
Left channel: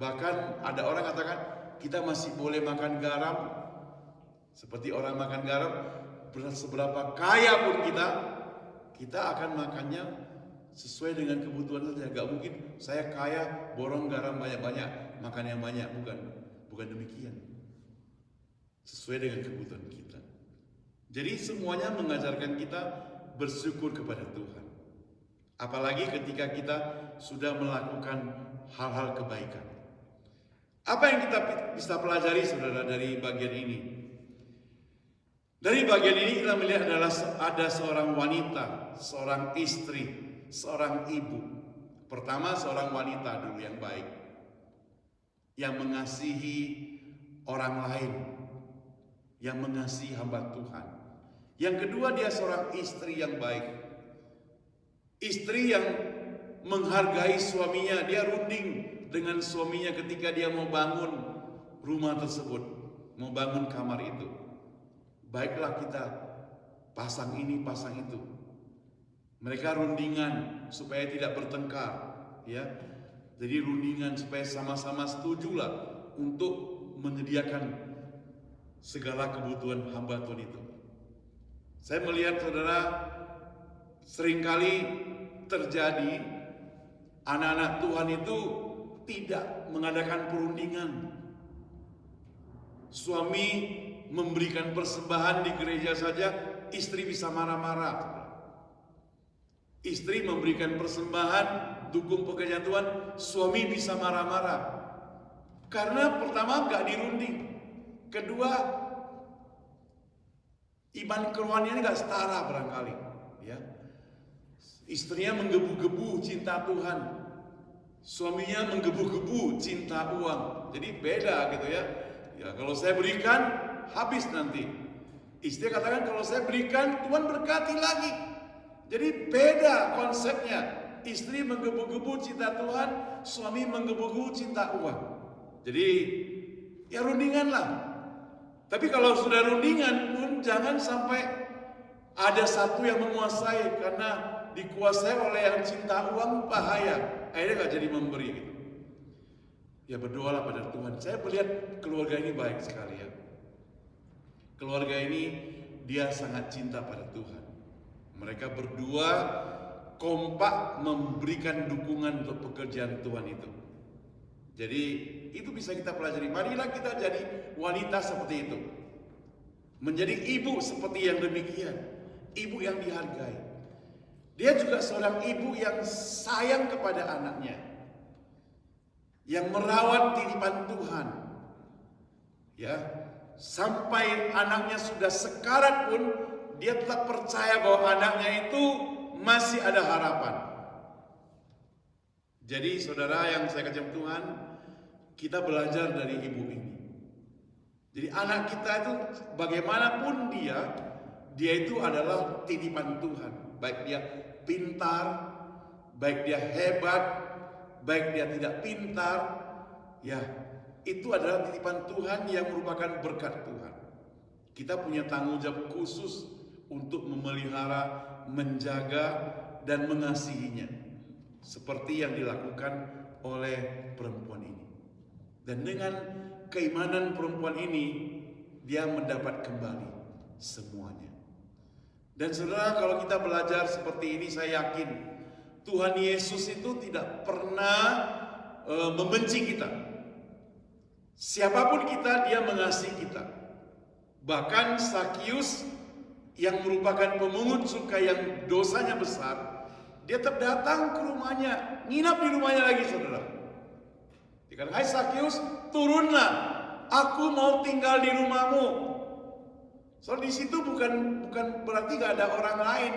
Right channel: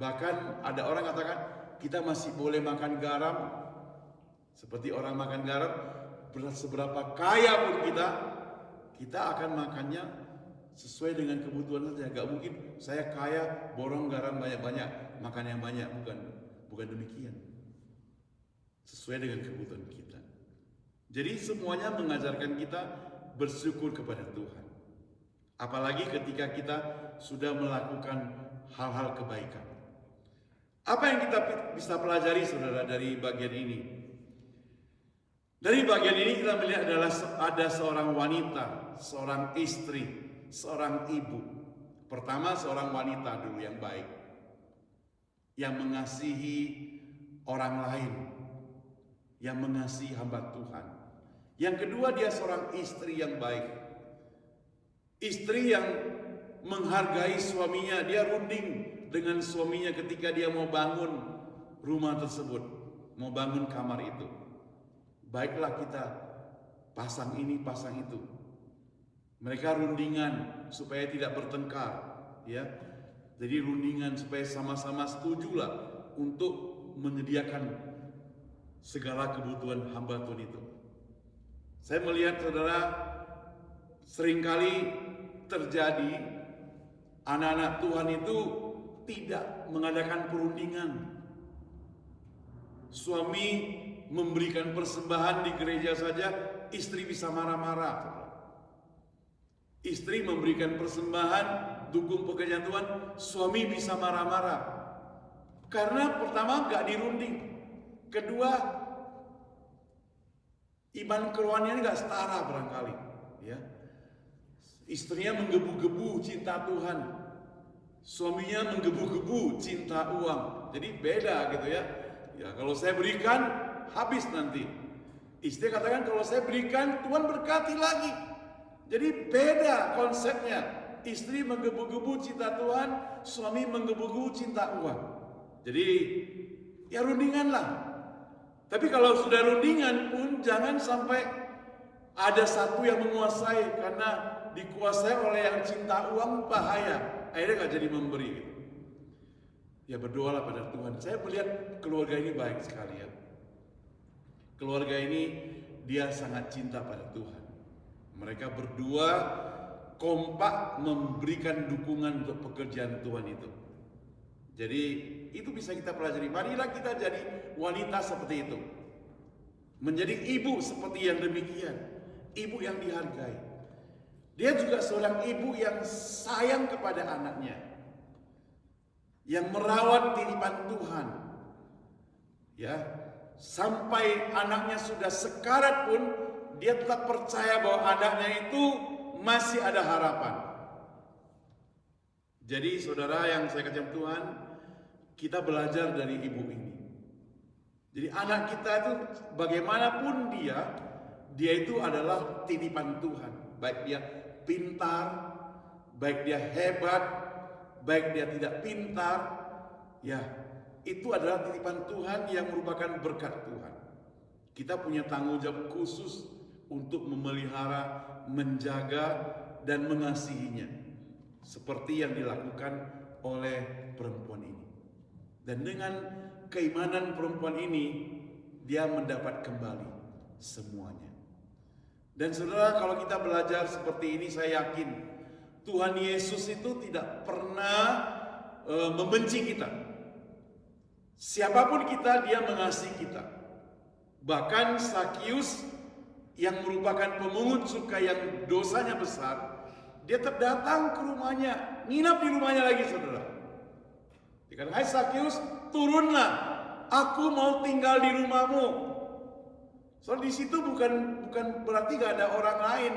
Bahkan ada orang katakan kita masih boleh makan garam. Seperti orang makan garam, seberapa kaya pun kita akan makannya sesuai dengan kebutuhan saja. Gak mungkin saya kaya borong garam banyak-banyak, makan yang banyak. Bukan demikian. Sesuai dengan kebutuhan kita. Jadi semuanya mengajarkan kita bersyukur kepada Tuhan. Apalagi ketika kita sudah melakukan hal-hal kebaikan. Apa yang kita bisa pelajari saudara dari bagian ini? Dari bagian ini kita melihat adalah ada seorang wanita, seorang istri, seorang ibu. Pertama seorang wanita dulu yang baik, yang mengasihi orang lain, yang mengasihi hamba Tuhan. Yang kedua dia seorang istri yang baik, istri yang menghargai suaminya. Dia runding dengan suaminya ketika dia mau bangun rumah tersebut, mau bangun kamar itu. Baiklah kita pasang ini, pasang itu. Mereka rundingan supaya tidak bertengkar, ya. Jadi rundingan supaya sama-sama setujulah untuk menyediakan segala kebutuhan hamba Tuhan itu. Saya melihat saudara, seringkali terjadi anak-anak Tuhan itu tidak mengadakan perundingan. Suami memberikan persembahan di gereja saja, istri bisa marah-marah. Istri memberikan persembahan, dukung pekerjaan Tuhan, suami bisa marah-marah. Karena pertama nggak dirunding, kedua iman kerohaniannya nggak setara barangkali, ya. Istrinya menggebu-gebu cinta Tuhan, suaminya menggebu-gebu cinta uang. Jadi beda gitu ya. Ya kalau saya berikan habis nanti. Istri katakan kalau saya berikan Tuhan berkati lagi. Jadi beda konsepnya. Istri menggebu-gebu cinta Tuhan, suami menggebu-gebu cinta uang. Jadi ya rundingan lah. Tapi kalau sudah rundingan pun jangan sampai ada satu yang menguasai, karena dikuasai oleh yang cinta uang bahaya. Akhirnya gak jadi memberi gitu. Ya berdoalah pada Tuhan. Saya melihat keluarga ini baik sekali ya. Keluarga ini dia sangat cinta pada Tuhan. Mereka berdua kompak memberikan dukungan untuk pekerjaan Tuhan itu. Jadi itu bisa kita pelajari. Marilah kita jadi wanita seperti itu. Menjadi ibu seperti yang demikian. Ibu yang dihargai. Dia juga seorang ibu yang sayang kepada anaknya, yang merawat titipan Tuhan. Ya, sampai anaknya sudah sekarat pun dia tetap percaya bahwa anaknya itu masih ada harapan. Jadi saudara yang saya kasih Tuhan, kita belajar dari ibu ini. Jadi anak kita itu bagaimanapun dia itu adalah titipan Tuhan. Baik dia pintar, baik dia hebat, baik dia tidak pintar, ya itu adalah titipan Tuhan yang merupakan berkat Tuhan. Kita punya tanggung jawab khusus untuk memelihara, menjaga, dan mengasihinya, seperti yang dilakukan oleh perempuan ini. Dan dengan keimanan perempuan ini, dia mendapat kembali semuanya. Dan saudara, kalau kita belajar seperti ini, saya yakin Tuhan Yesus itu tidak pernah membenci kita. Siapapun kita, dia mengasihi kita. Bahkan Sakius yang merupakan pemungut cukai yang dosanya besar, dia tetap datang ke rumahnya, nginap di rumahnya lagi saudara. Dikatakan, hai Sakius, turunlah, aku mau tinggal di rumahmu. Soal di situ bukan berarti gak ada orang lain.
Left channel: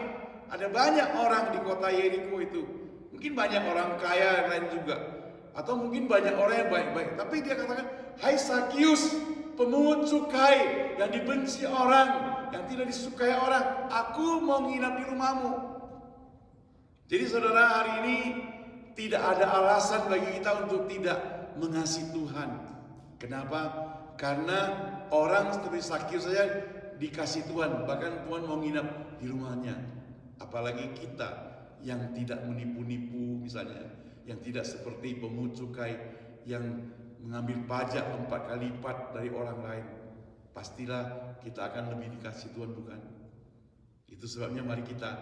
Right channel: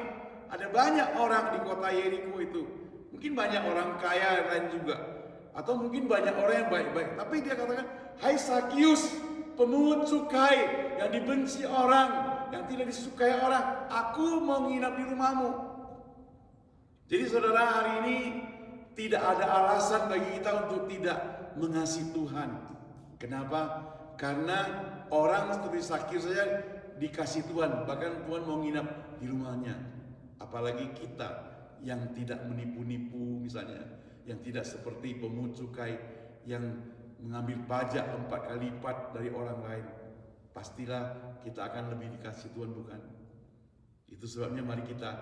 Ada banyak orang di kota Yeriko itu. Mungkin banyak orang kaya lain juga, atau mungkin banyak orang yang baik-baik. Tapi dia katakan, hai Sakius, pemungut cukai yang dibenci orang, yang tidak disukai orang, aku mau nginap di rumahmu. Jadi saudara, hari ini tidak ada alasan bagi kita untuk tidak mengasihi Tuhan. Kenapa? Karena orang seperti Sakius saja dikasih Tuhan, bahkan Tuhan mau nginap di rumahnya. Apalagi kita yang tidak menipu-nipu misalnya, yang tidak seperti pemungut cukai yang mengambil pajak 4 kali lipat dari orang lain. Pastilah kita akan lebih dikasih Tuhan, bukan? Itu sebabnya mari kita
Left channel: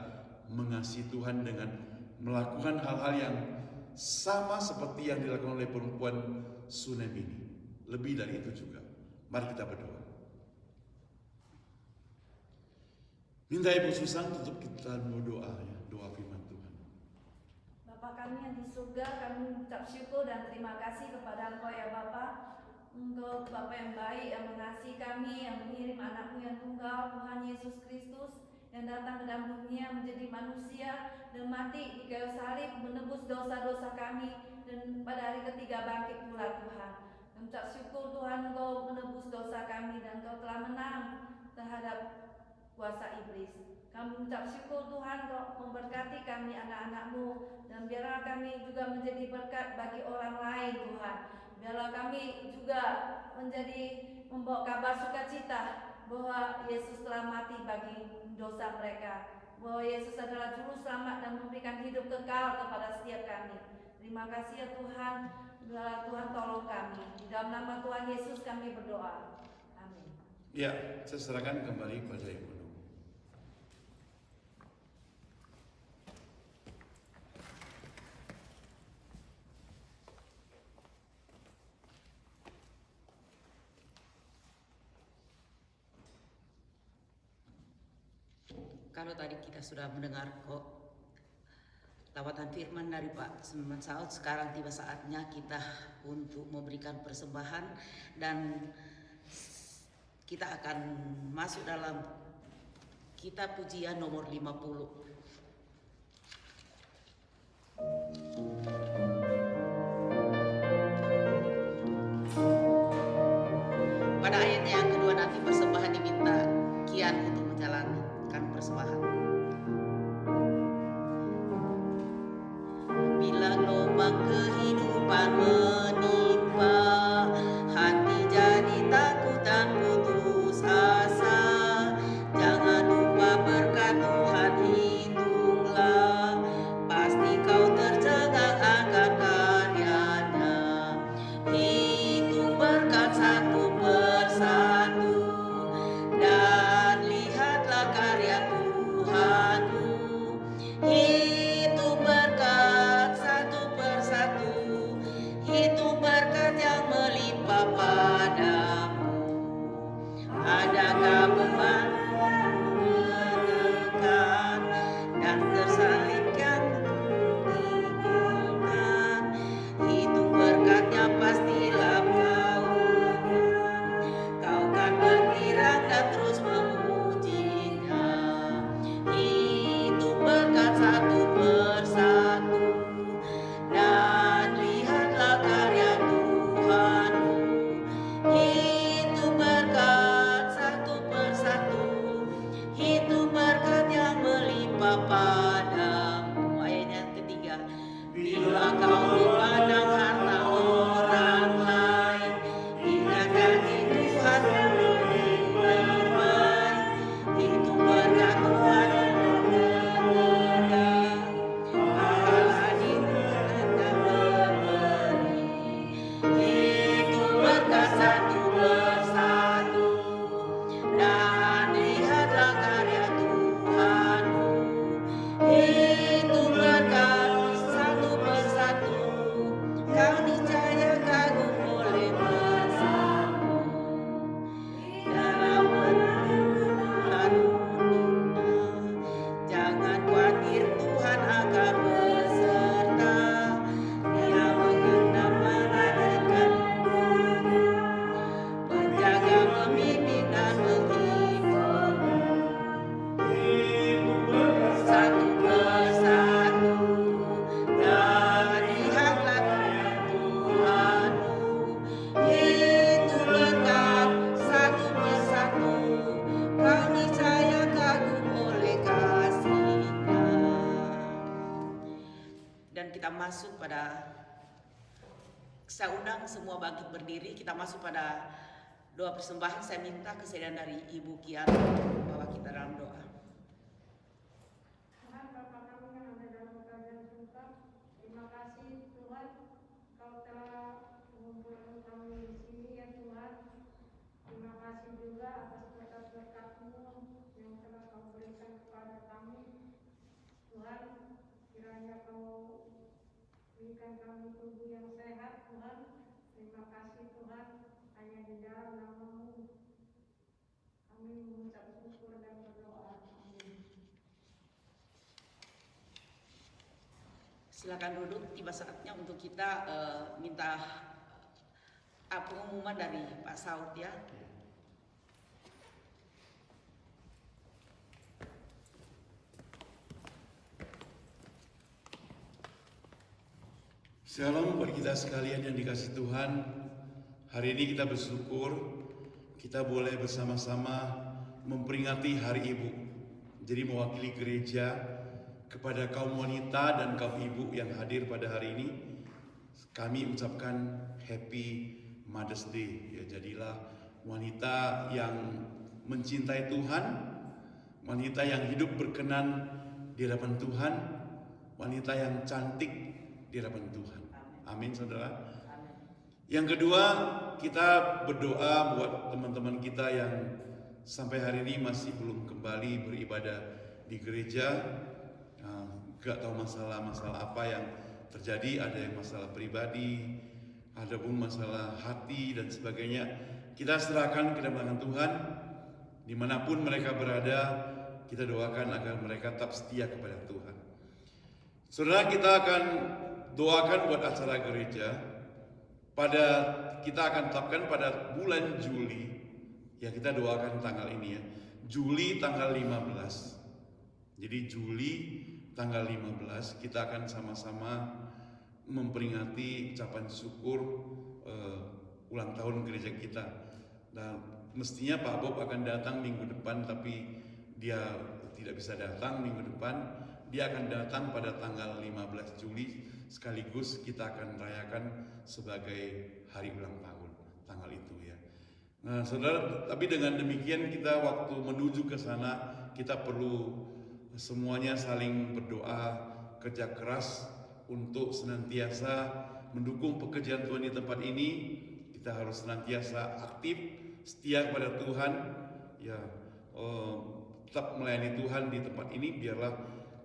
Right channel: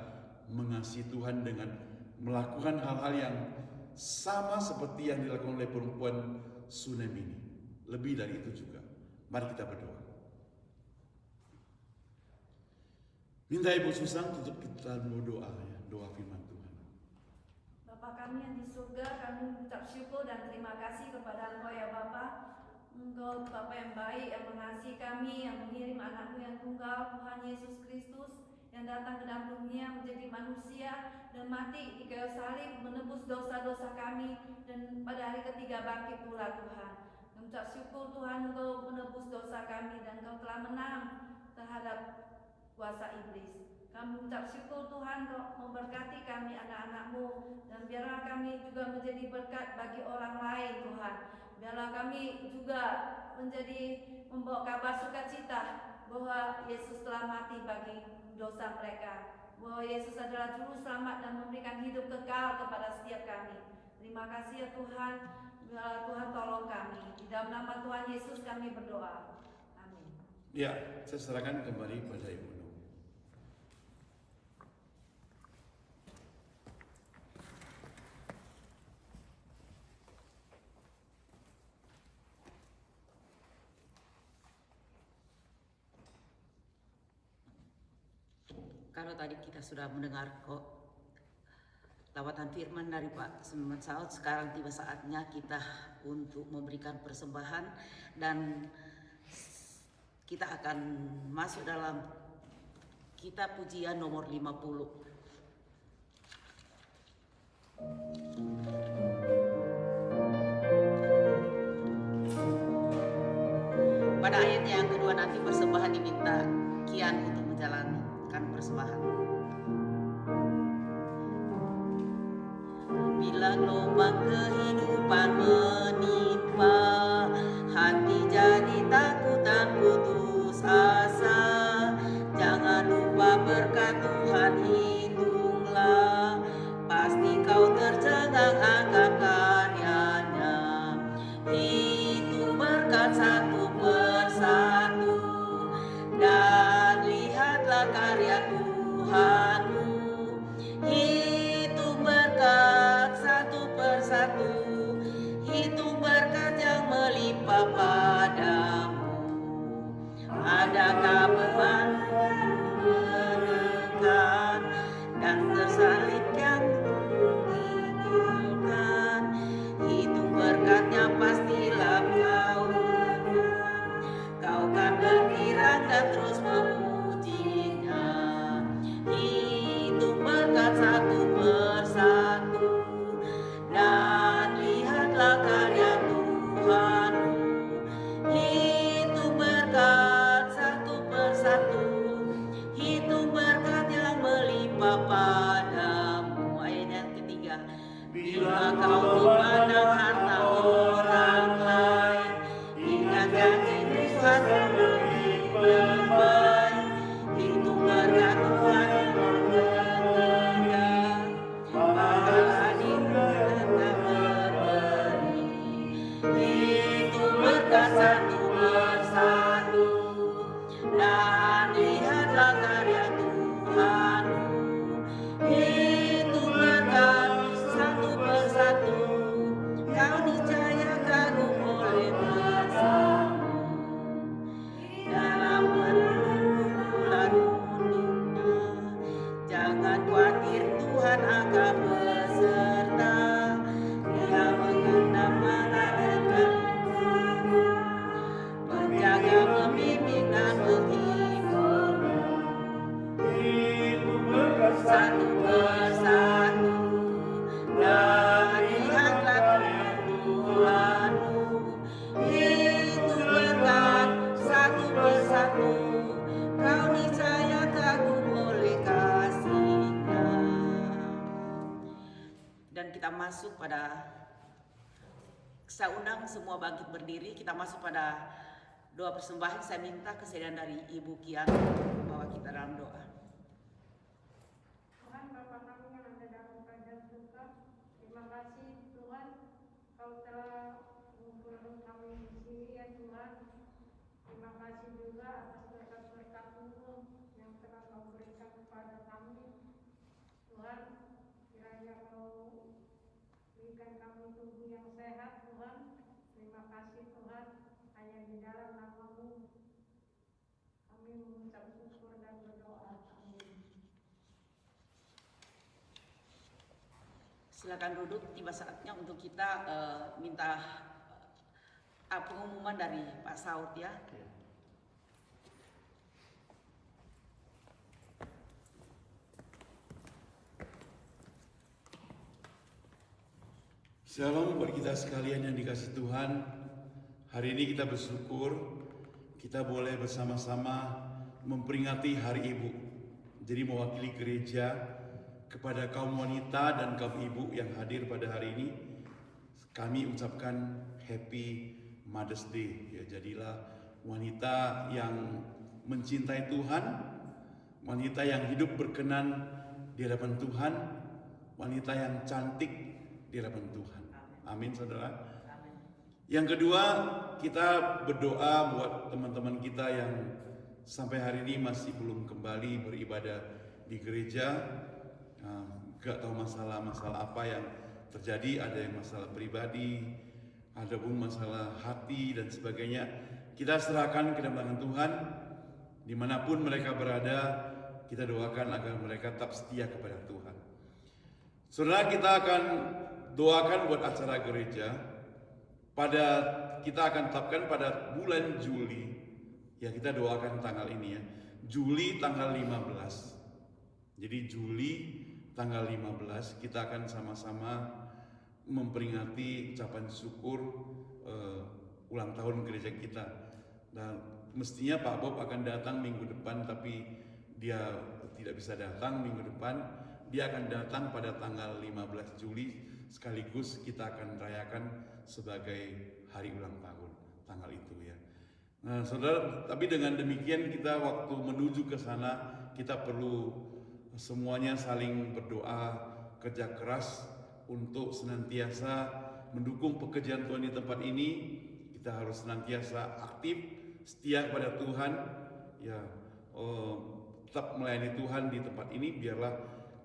mengasihi Tuhan dengan melakukan hal-hal yang sama seperti yang dilakukan oleh perempuan Sunem ini. Lebih dari itu juga. Mari kita berdoa. Minta Ibu Susan untuk kita berdoa, ya, doa firman Tuhan. mengucap syukur dan terima kasih kepada Engkau ya Bapa. Engkau Bapa yang baik, yang mengasihi kami, yang mengirim anakmu yang tunggal, Tuhan Yesus Kristus, yang datang ke dalam dunia menjadi manusia dan mati di kayu salib menebus dosa-dosa kami, dan pada hari ketiga bangkit pula Tuhan. Mengucap syukur Tuhan, Engkau menebus dosa kami dan Engkau telah menang terhadap kuasa iblis. Kami mengucap syukur Tuhan, Kau memberkati kami anak-anak-Mu, dan biarlah kami juga menjadi berkat bagi orang lain Tuhan. Biarlah kami juga menjadi membawa kabar sukacita bahwa Yesus telah mati bagi dosa mereka, bahwa Yesus adalah juru selamat dan memberikan hidup kekal kepada setiap kami. Terima kasih ya Tuhan, biarlah Tuhan tolong kami. Di dalam nama Tuhan Yesus kami berdoa. Amin. Ya, saya serahkan kembali pada Ibu Nur. Kalau tadi kita sudah mendengar kok lawatan firman dari Pak Semen Saud, sekarang tiba saatnya kita untuk memberikan persembahan dan kita akan masuk dalam kitab pujian nomor 50. Pada ayat yang kedua nanti persembahan diminta kian untuk menjalankan persembahan. Bila gelombang kehidupan menimpa, hati jadi takut dan putus asa. Jangan lupa berkat Tuhan hitunglah, pasti kau tercengang akan karyanya. Hitung berkat satu persatu, dan lihatlah karya Tuhanmu. Hitung berkat satu persatu, hitung berkat yang melimpah padamu. Adakah beban menekan dan tersalib yang diikulkan? Hitung berkatnya pastilah kau kan berkirang dan terus memujinya. Hitung berkat satu persatu, dan lihatlah karya Tuhanmu. Hitung berkat satu persatu, hitung berkat yang melimpah padamu. Ayat yang ketiga. Bila kau memandang harta orang lain, ingatkan Tuhan lebih baik. Hitung berkat Tuhan yang ketiga, pahala di Tuhan tak berberi. Hitung berkat satu persatu, dan lihatlah karya Tuhanmu. Hitung berkat satu persatu, kau niscaya kagum oleh kuasa-Mu. Dalam pergumulan dunia, jangan khawatir, Tuhan akan beserta. Dia mengenal malaikat, menjaga, membimbing dan menghiburmu. Satu persatu, dan lihatlah karya Tuhanmu. Hitung berkat satu persatu, kau niscaya kagum oleh kasih-Nya. Dan kita masuk pada, saya undang semua bangkit berdiri. Kita masuk pada doa persembahan. Saya minta kesediaan dari Ibu Kian bahwa kita dalam doa. Tuhan Bapa kami yang ada dalam kerajaan surga, terima kasih Tuhan, Kau telah mengumpulkan kami di sini ya Tuhan. Terima kasih juga atas berkat-berkat-Mu yang telah Kau berikan kepada kami. Tuhan, kiranya Kau berikan kami tubuh yang sehat Tuhan. Terima kasih Tuhan, hanya di dalam nama-Mu kami mengucap syukur dan berdoa. Amin. Silakan duduk, tiba saatnya untuk kita minta pengumuman dari Pak Saud ya. Shalom buat kita sekalian yang dikasih Tuhan. Hari ini kita bersyukur kita boleh bersama-sama memperingati Hari Ibu. Jadi mewakili gereja kepada kaum wanita dan kaum ibu yang hadir pada hari ini, kami ucapkan Happy Mother's Day. Ya, jadilah wanita yang mencintai Tuhan, wanita yang hidup berkenan di hadapan Tuhan, wanita yang cantik di hadapan Tuhan. Amin, saudara. Yang kedua, kita berdoa buat teman-teman kita yang sampai hari ini masih belum kembali beribadah di gereja. Gak tahu masalah-masalah apa yang terjadi, ada yang masalah pribadi, ada pun masalah hati dan sebagainya. Kita serahkan ke dalam tangan Tuhan. Dimanapun mereka berada, kita doakan agar mereka tetap setia kepada Tuhan. Saudara, kita akan doakan buat acara gereja. Kita akan tetapkan pada bulan Juli. Ya, kita doakan tanggal ini ya. Juli tanggal 15. Jadi Juli tanggal 15 kita akan sama-sama memperingati ucapan syukur ulang tahun gereja kita. Dan mestinya Pak Bob akan datang minggu depan, tapi dia tidak bisa datang minggu depan. Dia akan datang pada tanggal 15 Juli, sekaligus kita akan rayakan sebagai hari ulang tahun tanggal itu ya. Nah, saudara, tapi dengan demikian kita waktu menuju ke sana kita perlu semuanya saling berdoa, kerja keras untuk senantiasa mendukung pekerjaan Tuhan di tempat ini. Kita harus senantiasa aktif, setia kepada Tuhan, ya, tetap melayani Tuhan di tempat ini. Biarlah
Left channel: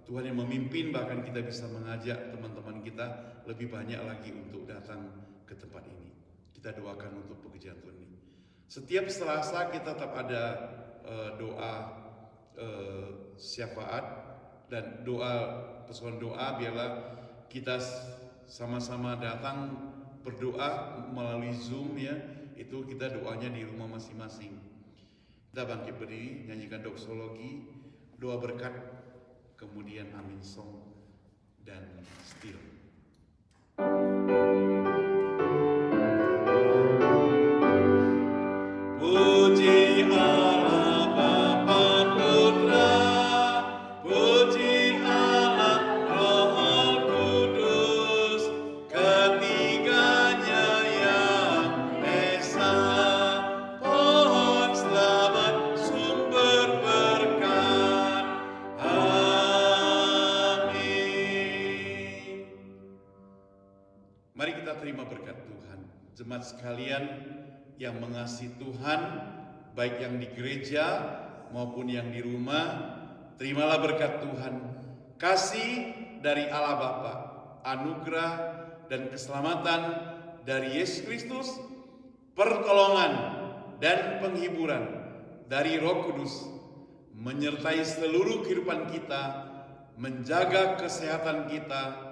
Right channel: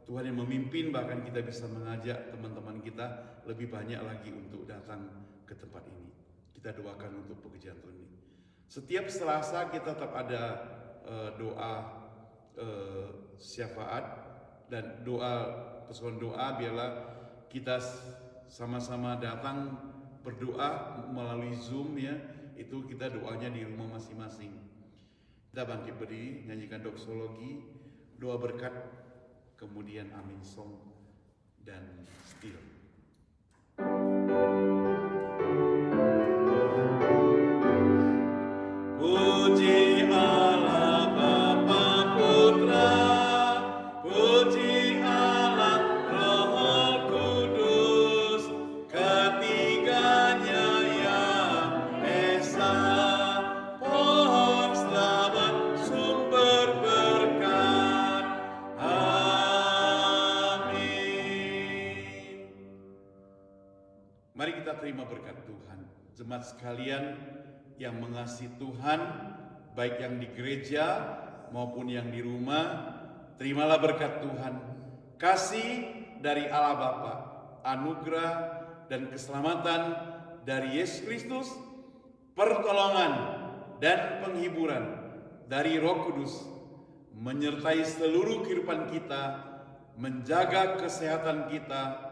Tuhan yang memimpin, bahkan kita bisa mengajak teman-teman kita lebih banyak lagi untuk datang ke tempat ini. Kita doakan untuk pekerjaan Tuhan ini. Setiap Selasa kita tetap ada doa syafaat dan persoalan doa. Biarlah kita sama-sama datang berdoa melalui Zoom ya. Itu kita doanya di rumah masing-masing. Kita bangkit berdiri, nyanyikan doksologi, doa berkat, kemudian amin song dan still. Puji Allah Bapa Putra, puji Allah Roh Kudus, ketiganya yang esa, pohon selamat sumber berkat. Amin. Mari kita terima berkat Tuhan. Jemaat sekalian yang mengasihi Tuhan, baik yang di gereja maupun yang di rumah, terimalah berkat Tuhan. Kasih dari Allah Bapa, anugerah dan keselamatan dari Yesus Kristus, pertolongan dan penghiburan dari Roh Kudus menyertai seluruh kehidupan kita, menjaga kesehatan kita,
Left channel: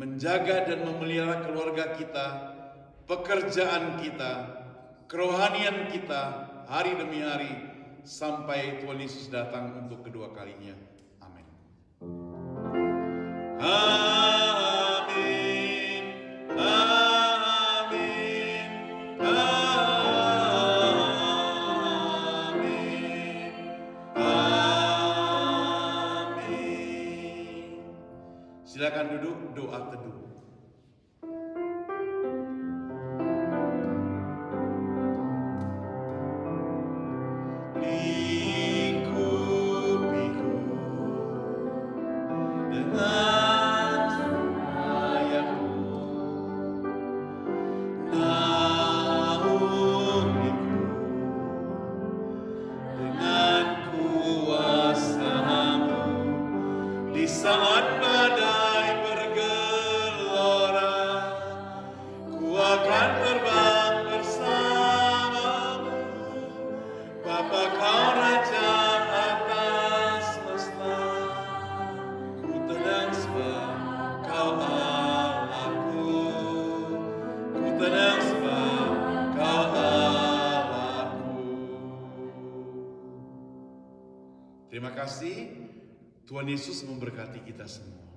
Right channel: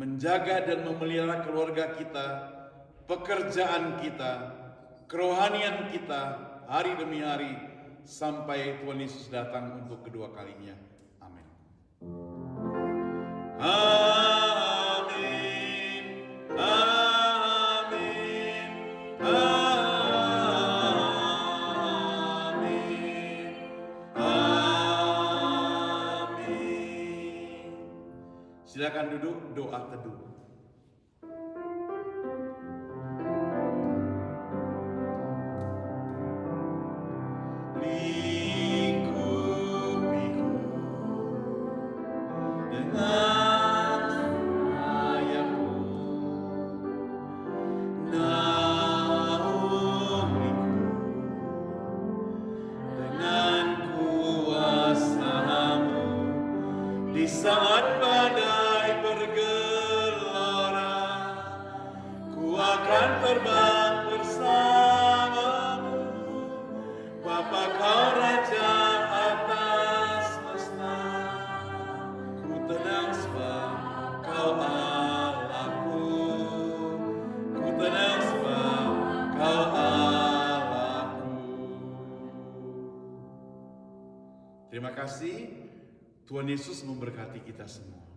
menjaga dan memelihara keluarga kita, pekerjaan kita, kerohanian kita hari demi hari sampai Tuhan Yesus datang untuk kedua kalinya. Amin. Amin. Amin. Amin. Amin. Silakan duduk, doa teduh. Di saat badai bergelora, Terima kasih. Tuhan Yesus memberkati kita semua.